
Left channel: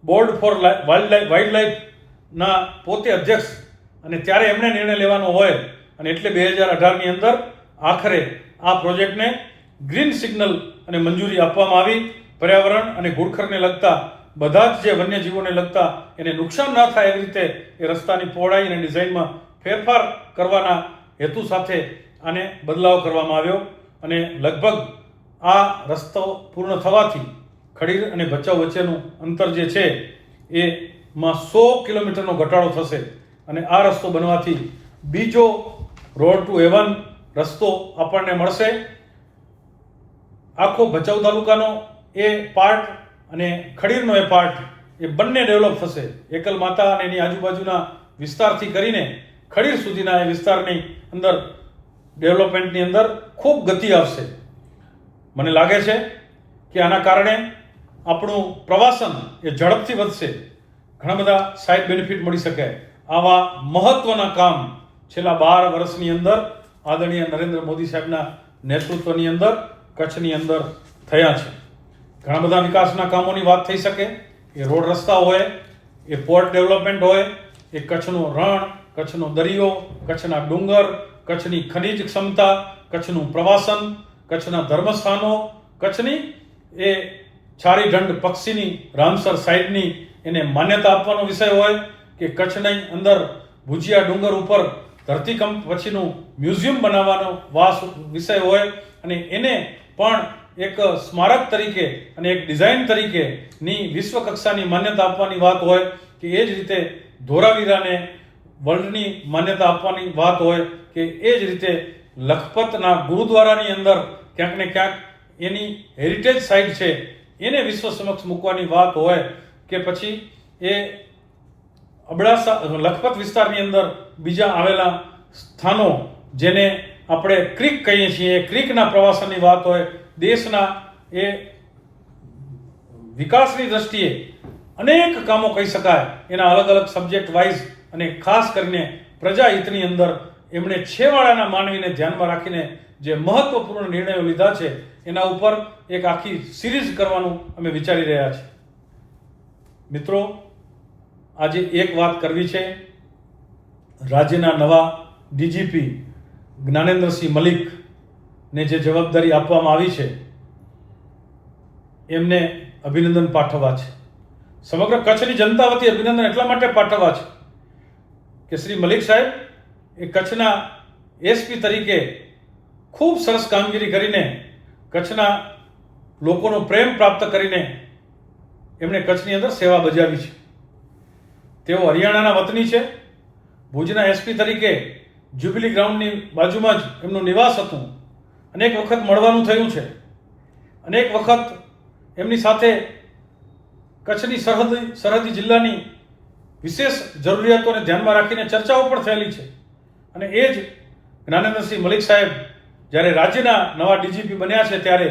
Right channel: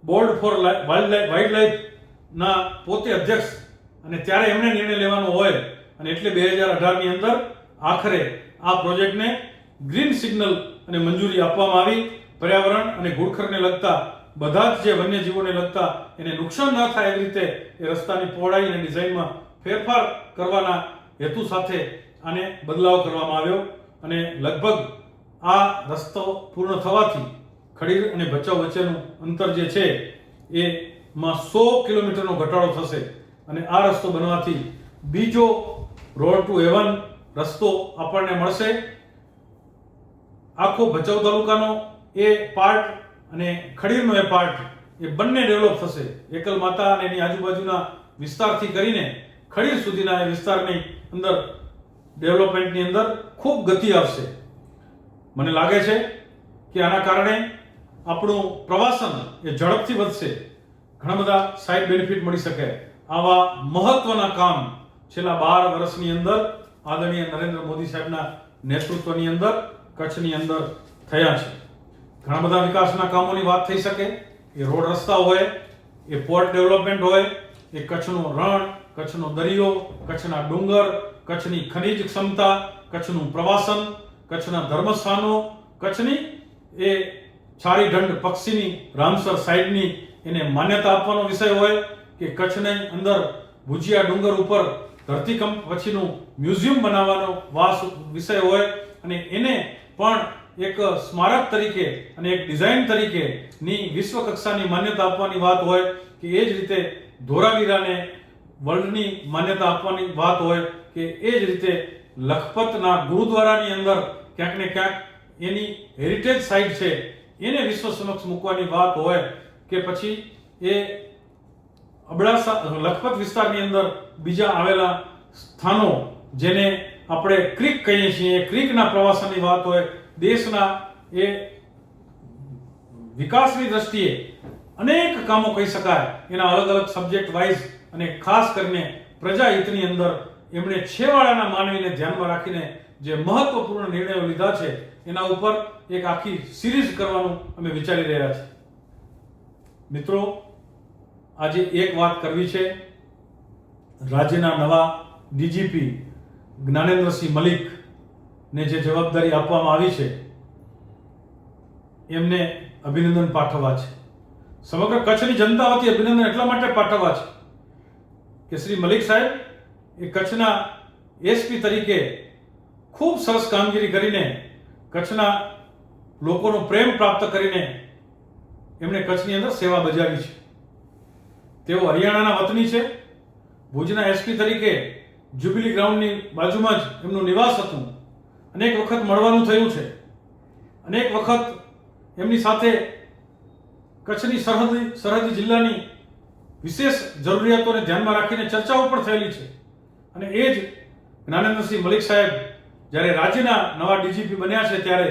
બોર્ડ ફોર વાઇલ્ડ લાઇફના પોતે અધ્યક્ષ, અને ત્યારે એમને નિર્ણય લેવાનો હોય અને એટલે 2018ની અંદર આખરે આ પ્રોજેક્ટને ગ્રીન સિગ્નલ અને મંજૂરી આપવામાં આવી. પર્યાવરણ અને ઘુડખરને લગતા બધા જ જે વન્યજીવોને લગતા એને નુકસાન ના થાય એવી રીતે એ રસ્તાની પહોળાઈ અને ડિઝાઇનમાં ફેરફાર કરવાના હેતુ સાથે આને બદલાવ કરવામાં આવ્યો અને લગભગ આ રસ્તો પૂર્ણ થવાથી ખડીર અને ભચાઉ વચ્ચેનું અંતર જે છે એમાં 100 કિલોમીટરનો ઘટાડો થશે અને આ રસ્તો બનવાથી બીજો રોડ ટુ હેવન રસ્તો આપણને મળશે. આખો ભચાઉ તાલુકાનો એ પાર્ટ અને ખડીરનો એ પાર્ટ એ બંને ડેવલપ થશે. એકલ માતા અને એની આજુબાજુના વિસ્તારથી કરીને ખડીર સુધીના એ વિસ્તારની અંદર ડેવલપમેન્ટની અંદર ખૂબ ગતિ આવશે. મને લાગે છે કે આના કારણે આપણું પ્રવાસન એ ઝડપથી વધશે, ઘણા બધા સાઇડ બેનિફિટ મળી શકે. આવા મહત્વના કામ છેલ્લા 12 વર્ષની અંદર આદરણીય નરેન્દ્ર મોદી સાહેબના નેતૃત્વની અંદર કચ્છની અંદર થયા છે. ઘણા બધા વિકાસના કામોની વાત થઈ શકે, એ રોડ રસ્તા હોય, એ પોર્ટ ડેવલપમેન્ટ હોય, એ કચ્છનું રણ, કચ્છનો દરિયો, કચ્છના ડુંગર, કચ્છની ખનિજ ક્ષમતા, કચ્છનું પ્રવાસન, કચ્છના ધર્મસ્થાનો, કચ્છની એ છારીઢંઢ પક્ષીની રામસર સાઇડની એને માન્યતા આપવાનો વિષય હોય કે કચ્છની અંદર ભુજિયા ડુંગર ઉપર ધરતીકંપ પછીનું મ્યુઝિયમ બનાવવાનો વિષય હોય અને એને પણ એક સ્મારક તરીકે અને એક ડિઝાઇન તરીકેની વિશ્વ કક્ષાની માન્યતા આપવાની વાત હોય કે એ જ રીતે ધોરાવીરાને વર્લ્ડની માન્યતા આપવાની વાત હોય કે એ જ રીતે લખપતના ગુરુદ્વારાની અંદર ક્યાંક ને ક્યાંક એની હેરિટેજ સાઇટ છે એને વિશ્વ સમક્ષ મૂકવાની વાત હોય કે પછી એ અબડાસા લખપત વિસ્તારની અંદર બીજા આવેલા સ્થાનો જેને આપણે ક્રીક કહીએ છીએ, ક્રીકના પ્રવાસનની વાત હોય, દેશના એ વિકાસની દ્રષ્ટિએ અનેક કામો કહી શકાય એના અલગ અલગ સબ્જેક્ટ વાઇઝ અને ખાસ કરીને પ્રજાહિતની અંદર એમણે છેવાડાના માનવીને ધ્યાનમાં રાખીને જે મહત્વપૂર્ણ નિર્ણયો લીધા છે એના ઉપર એક આખી સિરીઝ કરવાનું અમે વિચારી રહ્યા છીએ. મિત્રો, આજે એક વાત કરવી છે. રાજ્યના નવા ડીજીપી જ્ઞાનેન્દ્રસિંહ મલિકને જે જવાબદારી આપવામાં આવી છે એમને અભિનંદન પાઠવવા છે. સમગ્ર કચ્છની જનતા વતી અભિનંદન એટલા માટે પાઠવવા છે કે શ્રી મલિક સાહેબ એ કચ્છના એસપી તરીકે ખૂબ સરસ કામગીરી કરીને કચ્છના લોકોનો પ્રેમ પ્રાપ્ત કરીને એમણે કચ્છની અંદર સેવા બજાવી છે. તેઓ હરિયાણાના વતની છે. ભુજના એસપી તરીકે જ્યુબિલી ગ્રાઉન્ડની બાજુમાં જ એમનું નિવાસ હતું. અનેક વખત મળવાનું થયું છે. અનેક વખત એમની સાથે કચ્છની સરહદી જિલ્લાની વિશેષ જરૂરિયાતોને ધ્યાનમાં રાખીને ચર્ચાઓ પણ થયેલી છે. અને એ જ જ્ઞાનેન્દ્રસિંહ મલિક સાહેબ જ્યારે રાજ્યના નવા ડીજીપી બન્યા છે ત્યારે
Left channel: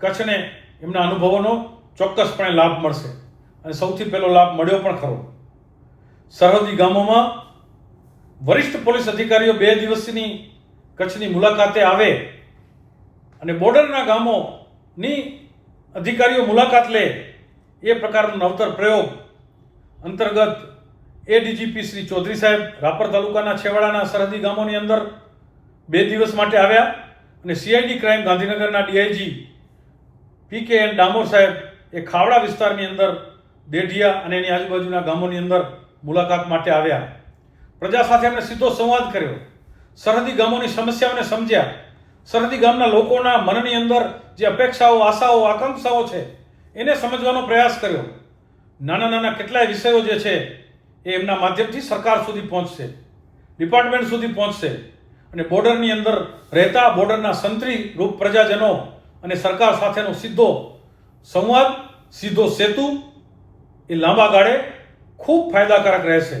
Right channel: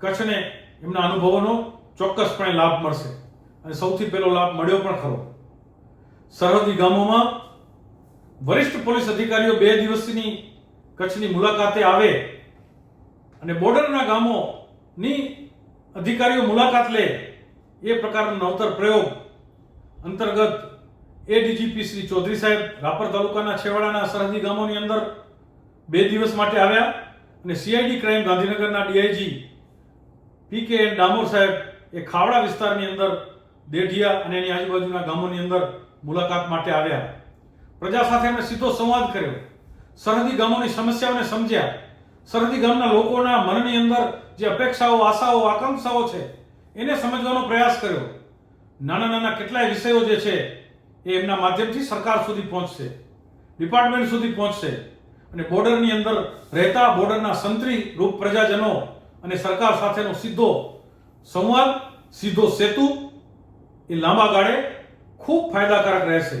કચ્છને એમના અનુભવોનો ચોક્કસપણે લાભ મળશે. અને સૌથી પહેલો લાભ મળ્યો પણ ખરો. સરહદી ગામોમાં વરિષ્ઠ પોલીસ અધિકારીઓ 2 દિવસની કચ્છની મુલાકાતે આવે અને બોર્ડરના ગામોની અધિકારીઓ મુલાકાત લે એ પ્રકારનો નવતર પ્રયોગ અંતર્ગત એ ડીજીપી શ્રી ચૌધરી સાહેબ રાપર તાલુકાના છેવાડાના સરહદી ગામોની અંદર 2 દિવસ માટે આવ્યા અને સીઆઈડી ક્રાઇમ ગાંધીનગરના ડીઆઈજી પીકે એન ડામોર સાહેબ એ ખાવડા વિસ્તારની અંદર દેઢિયા અને એની આજુબાજુના ગામોની અંદર મુલાકાત માટે આવ્યા. પ્રજા સાથે એમણે સીધો સંવાદ કર્યો. સરહદી ગામોની સમસ્યાઓને સમજ્યા. સરહદી ગામના લોકોના મનની અંદર જે અપેક્ષાઓ, આશાઓ, આકાંક્ષાઓ છે એને સમજવાનો પ્રયાસ કર્યો. નાના નાના કેટલાય વિષયો જે છે એ એમના માધ્યમથી સરકાર સુધી પહોંચશે, ડિપાર્ટમેન્ટ સુધી પહોંચશે અને બોર્ડરની અંદર રહેતા બોર્ડરના સંત્રી રૂપ પ્રજાજનો અને સરકાર સાથેનો સીધો સંવાદ, સીધો સેતુ એ લાંબા ગાળે ખૂબ ફાયદાકારક રહેશે.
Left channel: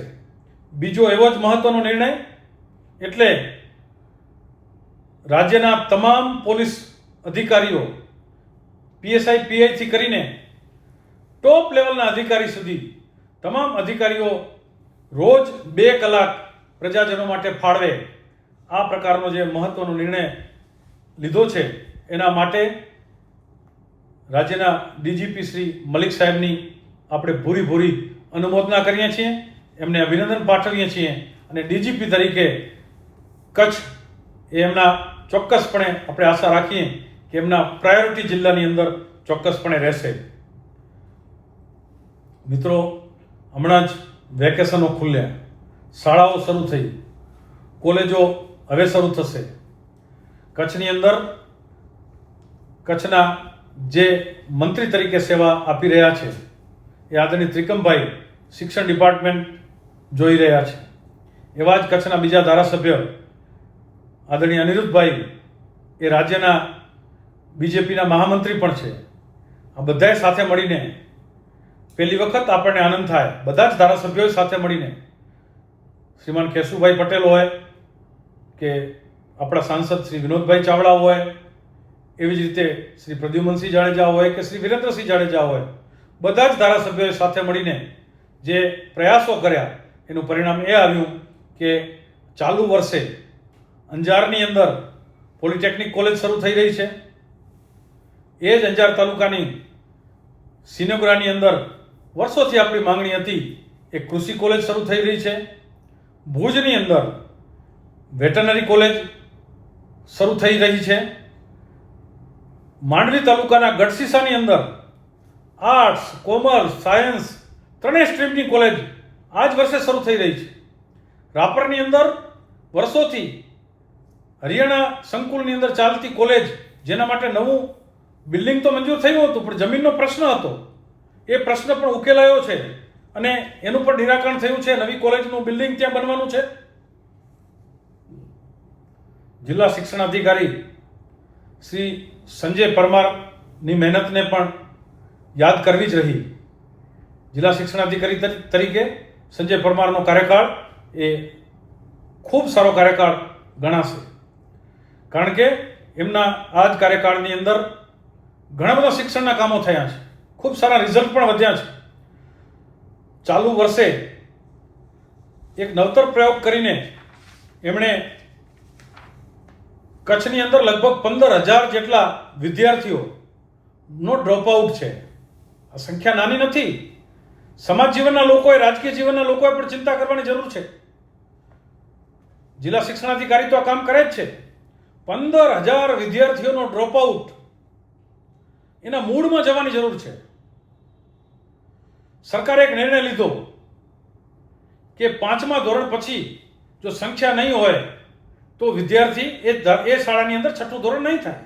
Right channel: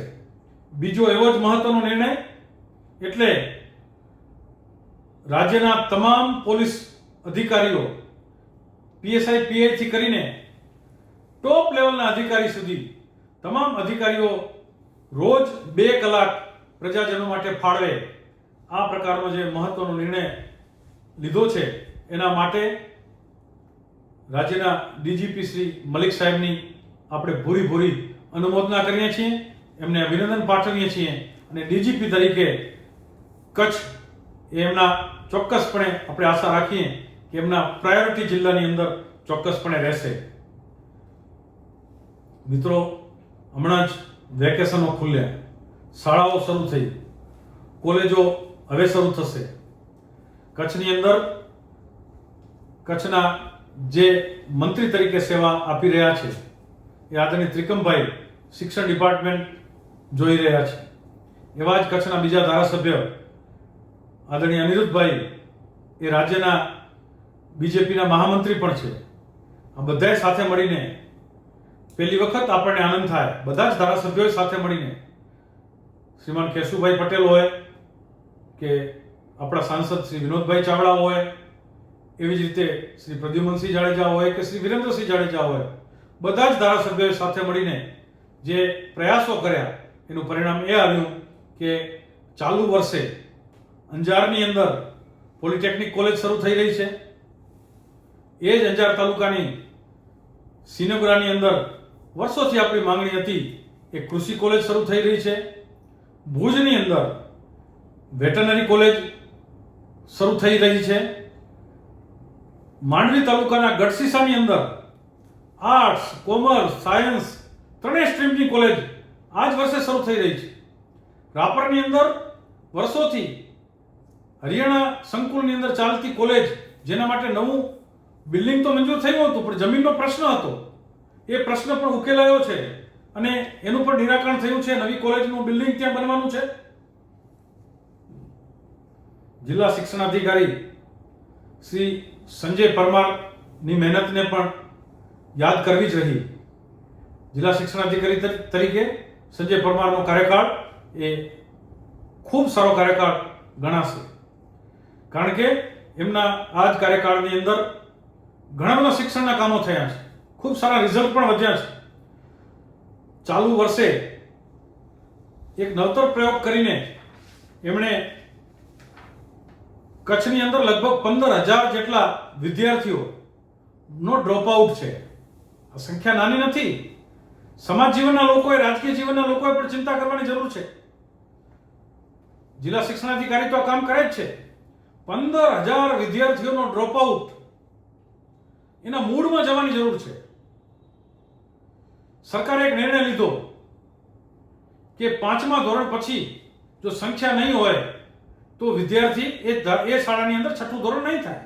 બીજો એવો જ મહત્વનો નિર્ણય એટલે રાજ્યના તમામ પોલીસ અધિકારીઓ પીએસઆઈ પીઆઈ થી કરીને ટોપ લેવલના અધિકારી સુધી તમામ અધિકારીઓ રોજ 2 કલાક પ્રજાજનો માટે ફાળવે આ પ્રકારનો જે મહત્વનો નિર્ણય લીધો છે એના માટે રાજ્યના ડીજીપી શ્રી મલિક સાહેબની આપણે ભૂરી અનુમોદના કરીએ છીએ, એમને અભિનંદન પાઠવીએ છીએ અને ડીજીપી તરીકે કચ્છ એ એમના ચોક્કસપણે આપણે આશા રાખીએ કે એમના પ્રાયોરિટી જિલ્લાની અંદર ચોક્કસપણે રહેશે. મિત્રો, હમણાં જ વેકેશનો ખુલ્યા, શાળાઓ શરૂ થઈ, કોલેજો હવે શરૂ થશે. કચ્છની અંદર કચ્છના જે મંત્રી તરીકે સેવા આપી રહ્યા છે એ આદરણીય ત્રિકમભાઈ શિક્ષણ ડિપાર્ટમેન્ટ જોઈ રહ્યા છે. એવા જ કચ્છના બીજા ધારાસભ્ય આદરણીય અનિરુદ્ધભાઈ એ રાજ્યના બીજેપીના મહામંત્રી પણ છે. આ બધાએ સાથે મળીને પહેલી વખત આપણને આનંદ થાય, બધા જ ધારાસભ્યોએ સાથે મળીને, શ્રીમાન કેશુભાઈ પટેલ હોય કે આપણા સાંસદ શ્રી વિનોદભાઈ ચાવડા હોય, એવી જ રીતે શ્રી પ્રદ્યુમનસિંહ જાડેજા હોય કે શ્રી વિરેન્દ્રસિંહ જાડેજા હોય, બધા જ ધારાસભ્યોએ સાથે મળીને જે પ્રયાસો કર્યા એનું પરિણામ એ આવ્યું કે ચાલુ વર્ષે અંજારની અંદર પોલિટેકનિક કોલેજ શરૂ થઈ રહી છે. એ જ અંજાર તાલુકાની સિનગરાની અંદર વર્ષોથી આપણી માંગણી હતી એક કૃષિ કોલેજ શરૂ થઈ રહી છે. ભુજની અંદર વેટરનરી કોલેજ શરૂ થઈ રહી છે. માંડવી તાલુકાના ગઢસીસાની અંદર આર્ટ્સ, કોમર્સ, સાયન્સ ત્રણેય સ્ટ્રીમની કોલેજ આ જ વર્ષે શરૂ થઈ રહી છે. રાપરની અંદર વર્ષોથી હરિયાણા સંકુલની અંદર ચાલતી કોલેજ, જેના માટે નવું બિલ્ડિંગ તો મંજૂર થયું હતું પણ જમીનનો પ્રશ્ન હતો, એ પ્રશ્ન પણ ઉકેલાયો છે અને એનું પણ નિરાકરણ થયું છે. નવી કોલેજનું બિલ્ડિંગ ત્યાં બનવાનું છે. જિલ્લા શિક્ષણાધિકારી શ્રી સંજય પરમારની મહેનતને પણ યાદ કરવી જ રહી. જિલ્લા શિક્ષણાધિકારી તરીકે સંજય પરમારનો કાર્યકાળ એ ખૂબ સારો કાર્યકાળ ગણાશે, કારણ કે એમના આ જ કાર્યકાળની અંદર ઘણા બધા શિક્ષણના કામો થયા છે, ખૂબ સારા રિઝલ્ટ પણ વધ્યા છે. ચાલુ વર્ષે એક નવતર પ્રયોગ કરીને એમણે કચ્છની અંદર લગભગ 15,000 જેટલા વિદ્યાર્થીઓનો ડ્રોપ આઉટ છે. આ સંખ્યા નાની નથી. સમાજ જીવનના લોકોએ, રાજકીય જીવનના લોકોએ પણ ચિંતા કરવાની જરૂર છે. જિલ્લા શિક્ષણાધિકારી તો આ કામ કરે જ છે. 15,000 વિદ્યાર્થીઓનો ડ્રોપ આઉટ, એના મૂળમાં જવાની જરૂર છે. સરકારે એક નિર્ણય લીધો કે 5મા ધોરણ પછી જો સંખ્યા નહીં હોય તો વિદ્યાર્થી એ શાળાની અંદર છઠ્ઠું ધોરણ નહીં થાય.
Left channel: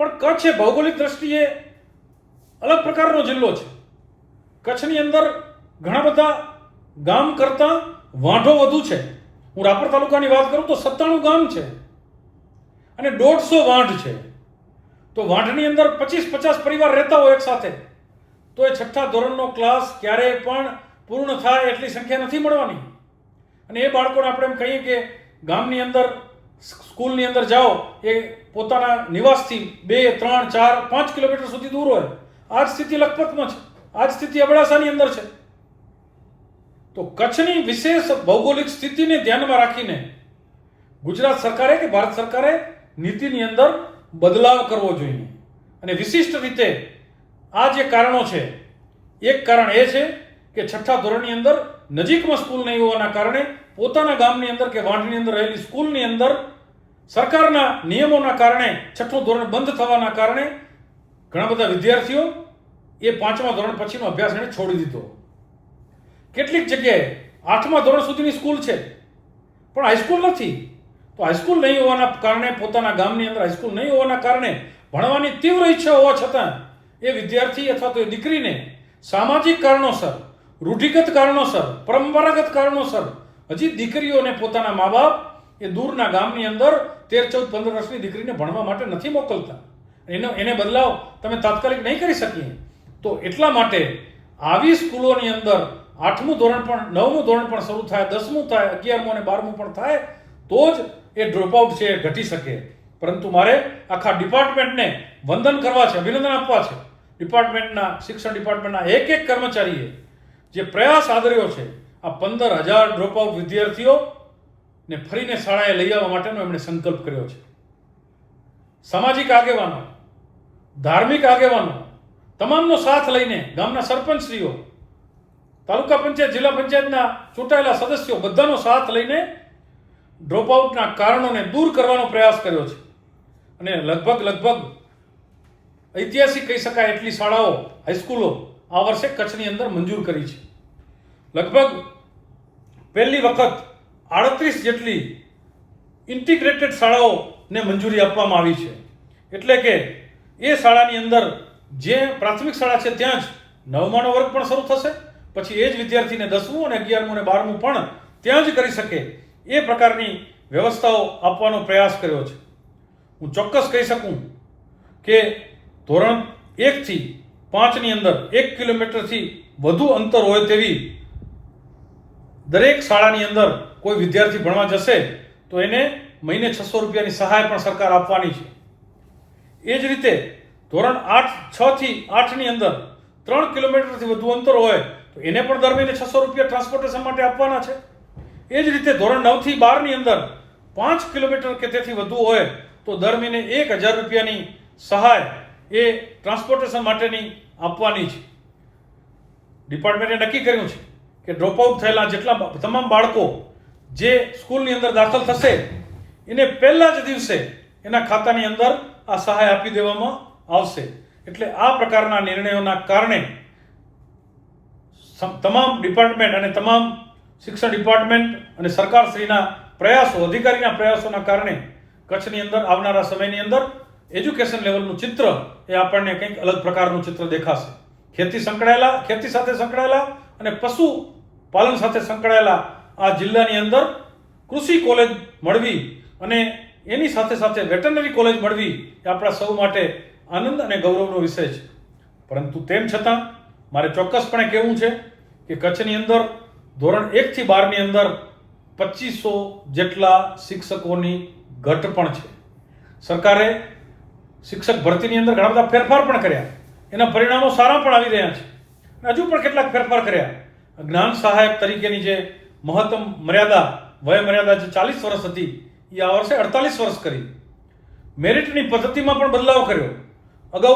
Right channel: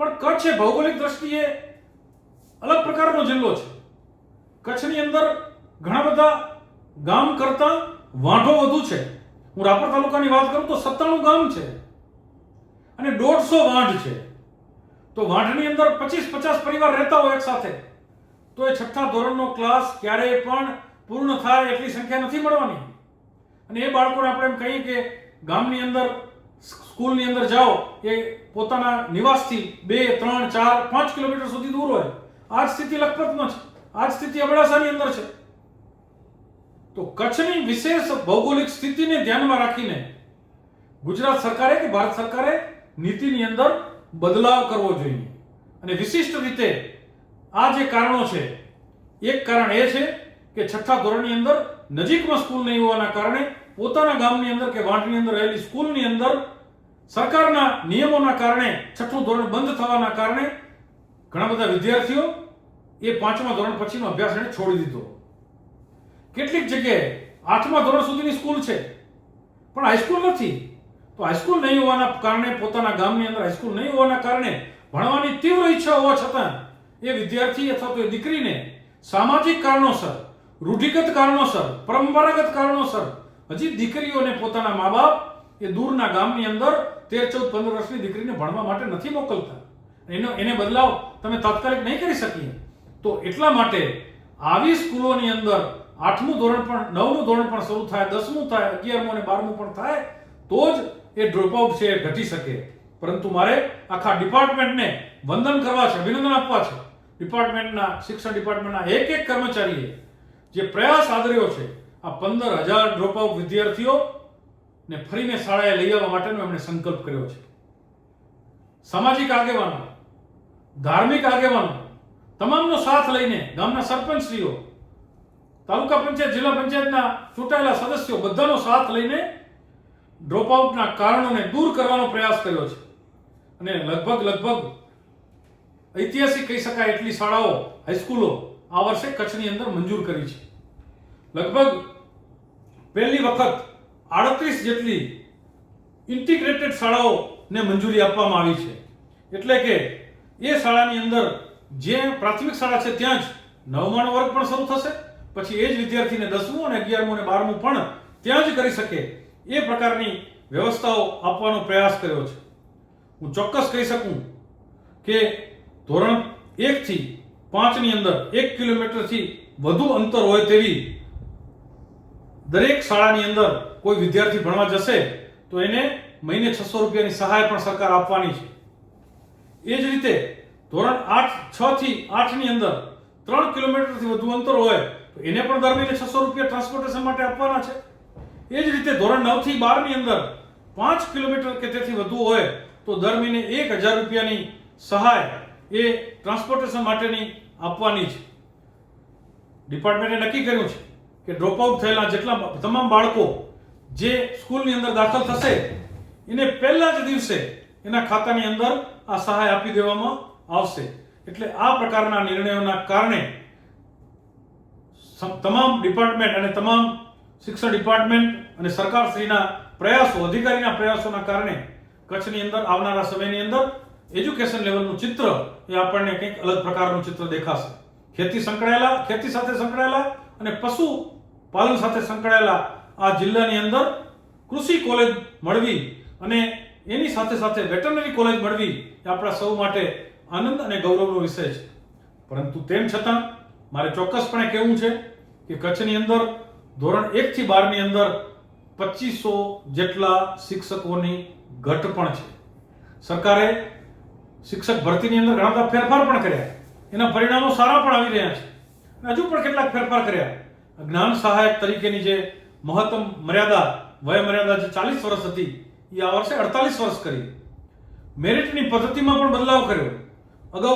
પણ કચ્છ એ ભૌગોલિક દ્રષ્ટિએ અલગ પ્રકારનો જિલ્લો છે. કચ્છની અંદર ઘણા બધા ગામ કરતા વાંઢો વધુ છે. હું રાપર તાલુકાની વાત કરું તો 97 ગામ છે અને 150 વાંઢ છે. તો વાંઢની અંદર 25-50 પરિવાર રહેતા હોય એક સાથે, તો એ છઠ્ઠા ધોરણનો ક્લાસ ક્યારેય પણ પૂર્ણ થાય એટલી સંખ્યા નથી મળવાની. અને એ બાળકોને આપણે એમ કહીએ કે ગામની અંદર સ્કૂલની અંદર જાઓ, એ પોતાના નિવાસથી 2, 3, 4, 5 કિલોમીટર સુધી દૂર હોય. આ જ સ્થિતિ લખપતમાં છે, આ જ સ્થિતિ અબડાસાની અંદર છે. તો કચ્છની વિશેષ ભૌગોલિક સ્થિતિને ધ્યાનમાં રાખીને ગુજરાત સરકારે કે ભારત સરકારે નીતિની અંદર બદલાવ કરવો જોઈએ. અને વિશિષ્ટ રીતે આ જે કારણો છે, એક કારણ એ છે કે છઠ્ઠા ધોરણની અંદર નજીકમાં સ્કૂલ નહીં હોવાના કારણે પોતાના ગામની અંદર કે વાંઢની અંદર રહેલી સ્કૂલની અંદર સરકારના નિયમોના કારણે છઠ્ઠું ધોરણ બંધ થવાના કારણે ઘણા બધા વિદ્યાર્થીઓ એ 5મા ધોરણ પછીનો અભ્યાસ એને છોડી દીધો. કેટલીક જગ્યાએ 8મા ધોરણ સુધીની સ્કૂલ છે પણ હાઈસ્કૂલ નથી. તો હાઈસ્કૂલ નહીં હોવાના કારણે, પોતાના ગામની અંદર હાઈસ્કૂલ નહીં હોવાના કારણે ભણવાની તીવ્ર ઈચ્છા હોવા છતાં એ વિદ્યાર્થી અથવા તો એ દીકરીને સામાજિક કારણોસર, રૂઢિગત કારણોસર, પરંપરાગત કારણોસર હજી દીકરીઓને પોતાના મા બાપ એ દૂરના ગામની અંદર 13, 14, 15 વર્ષની દીકરીને ભણવા માટે નથી મોકલતા. એને બદલાવ તમે તાત્કાલિક નહીં કરી શકીએ. તો એટલા માટે આવી સ્કૂલોની અંદર 8મું ધોરણ પણ, 9મું ધોરણ પણ શરૂ થાય, 10મું થાય, 11મું અને 12મું પણ થાય તો જ એ ડ્રોપઆઉટ છે એ ઘટી શકે. પરંતુ મારે આખા ડિપાર્ટમેન્ટને વંદન કરવા છે, અભિનંદન આપવા છે. ડિપાર્ટમેન્ટના, શિક્ષણ ડિપાર્ટમેન્ટના એક કર્મચારીએ જે પ્રયાસ આદર્યો છે, આ 15,000 ડ્રોપઆઉટ વિદ્યાર્થીઓને ફરીને શાળાએ લઈ આવવા માટેનો એમણે સંકલ્પ કર્યો છે. સામાજિક આગેવાનો, ધાર્મિક આગેવાનો તમામનો સાથ લઈને, ગામના સરપંચશ્રીઓ, તાલુકા પંચાયત, જિલ્લા પંચાયતના ચૂંટાયેલા સદસ્યો બધાનો સાથ લઈને ડ્રોપઆઉટના કારણોને દૂર કરવાનો પ્રયાસ કર્યો છે. અને લગભગ ઐતિહાસિક કહી શકાય એટલી શાળાઓ, હાઈસ્કૂલો આ વર્ષે કચ્છની અંદર મંજૂર કરી છે. લગભગ પહેલી વખત 38 જેટલી ઇન્ટિગ્રેટેડ શાળાઓને મંજૂરી આપવામાં આવી છે. એટલે કે એ શાળાની અંદર જે પ્રાથમિક શાળા છે ત્યાં જ 9માનો વર્ગ પણ શરૂ થશે, પછી એ જ વિદ્યાર્થીને 10મું અને 11મું અને 12મું પણ ત્યાં જ કરી શકે એ પ્રકારની વ્યવસ્થાઓ આપવાનો પ્રયાસ કર્યો છે. હું ચોક્કસ કહી શકું કે ધોરણ 1 થી 5 ની અંદર 1 કિલોમીટરથી વધુ અંતર હોય તેવી દરેક શાળાની અંદર કોઈ વિદ્યાર્થી ભણવા જશે તો એને મહિને 600 રૂપિયાની સહાય પણ સરકાર આપવાની છે. એ જ રીતે ધોરણ 6 થી 8 ની અંદર 3 કિલોમીટરથી વધુ અંતર હોય તો એને પણ દર મહિને 600 રૂપિયા ટ્રાન્સપોર્ટેશન માટે આપવાના છે. એ જ રીતે ધોરણ 9 થી 12 ની અંદર 5 કિલોમીટર કે તેથી વધુ હોય તો દર મહિને 1,000 રૂપિયાની સહાય એ ટ્રાન્સપોર્ટેશન માટેની આપવાની છે. ડિપાર્ટમેન્ટે નક્કી કર્યું છે કે ડ્રોપઆઉટ થયેલા જેટલા તમામ બાળકો જે સ્કૂલની અંદર દાખલ થશે એને પહેલા જ દિવસે એના ખાતાની અંદર આ સહાય આપી દેવામાં આવશે. એટલે આ પ્રકારના નિર્ણયોના કારણે તમામ ડિપાર્ટમેન્ટ અને તમામ શિક્ષણ ડિપાર્ટમેન્ટ અને સરકારશ્રીના પ્રયાસો, અધિકારીના પ્રયાસોના કારણે કચ્છની અંદર આવનારા સમયની અંદર એજ્યુકેશન લેવલનું ચિત્ર એ આપણને કંઈક અલગ પ્રકારનું ચિત્ર દેખાશે. ખેતી સાથે સંકળાયેલા અને પશુપાલન સાથે સંકળાયેલા આ જિલ્લાની અંદર કૃષિ કોલેજ મળવી અને એની સાથે સાથે વેટરનરી કોલેજ મળવી એ આપણા સૌ માટે આનંદ અને ગૌરવનો વિષય છે. પરંતુ તેમ છતાં મારે ચોક્કસપણે કહેવું છે કે કચ્છની અંદર ધોરણ 1 થી 12 ની અંદર 2500 જેટલા શિક્ષકોની ઘટ પણ છે. સરકારે શિક્ષક ભરતીની અંદર ઘણા બધા ફેરફાર પણ કર્યા, એના પરિણામો સારા પણ આવી રહ્યા છે. હજુ પણ કેટલાક ફેરફાર કર્યા. જ્ઞાન સહાયક તરીકેની જે મહત્તમ મર્યાદા, વય મર્યાદા જે 40 વર્ષ હતી એ આ વર્ષે 48 વર્ષ કરી. મેરિટની પદ્ધતિમાં પણ બદલાવ કર્યો. અગાઉ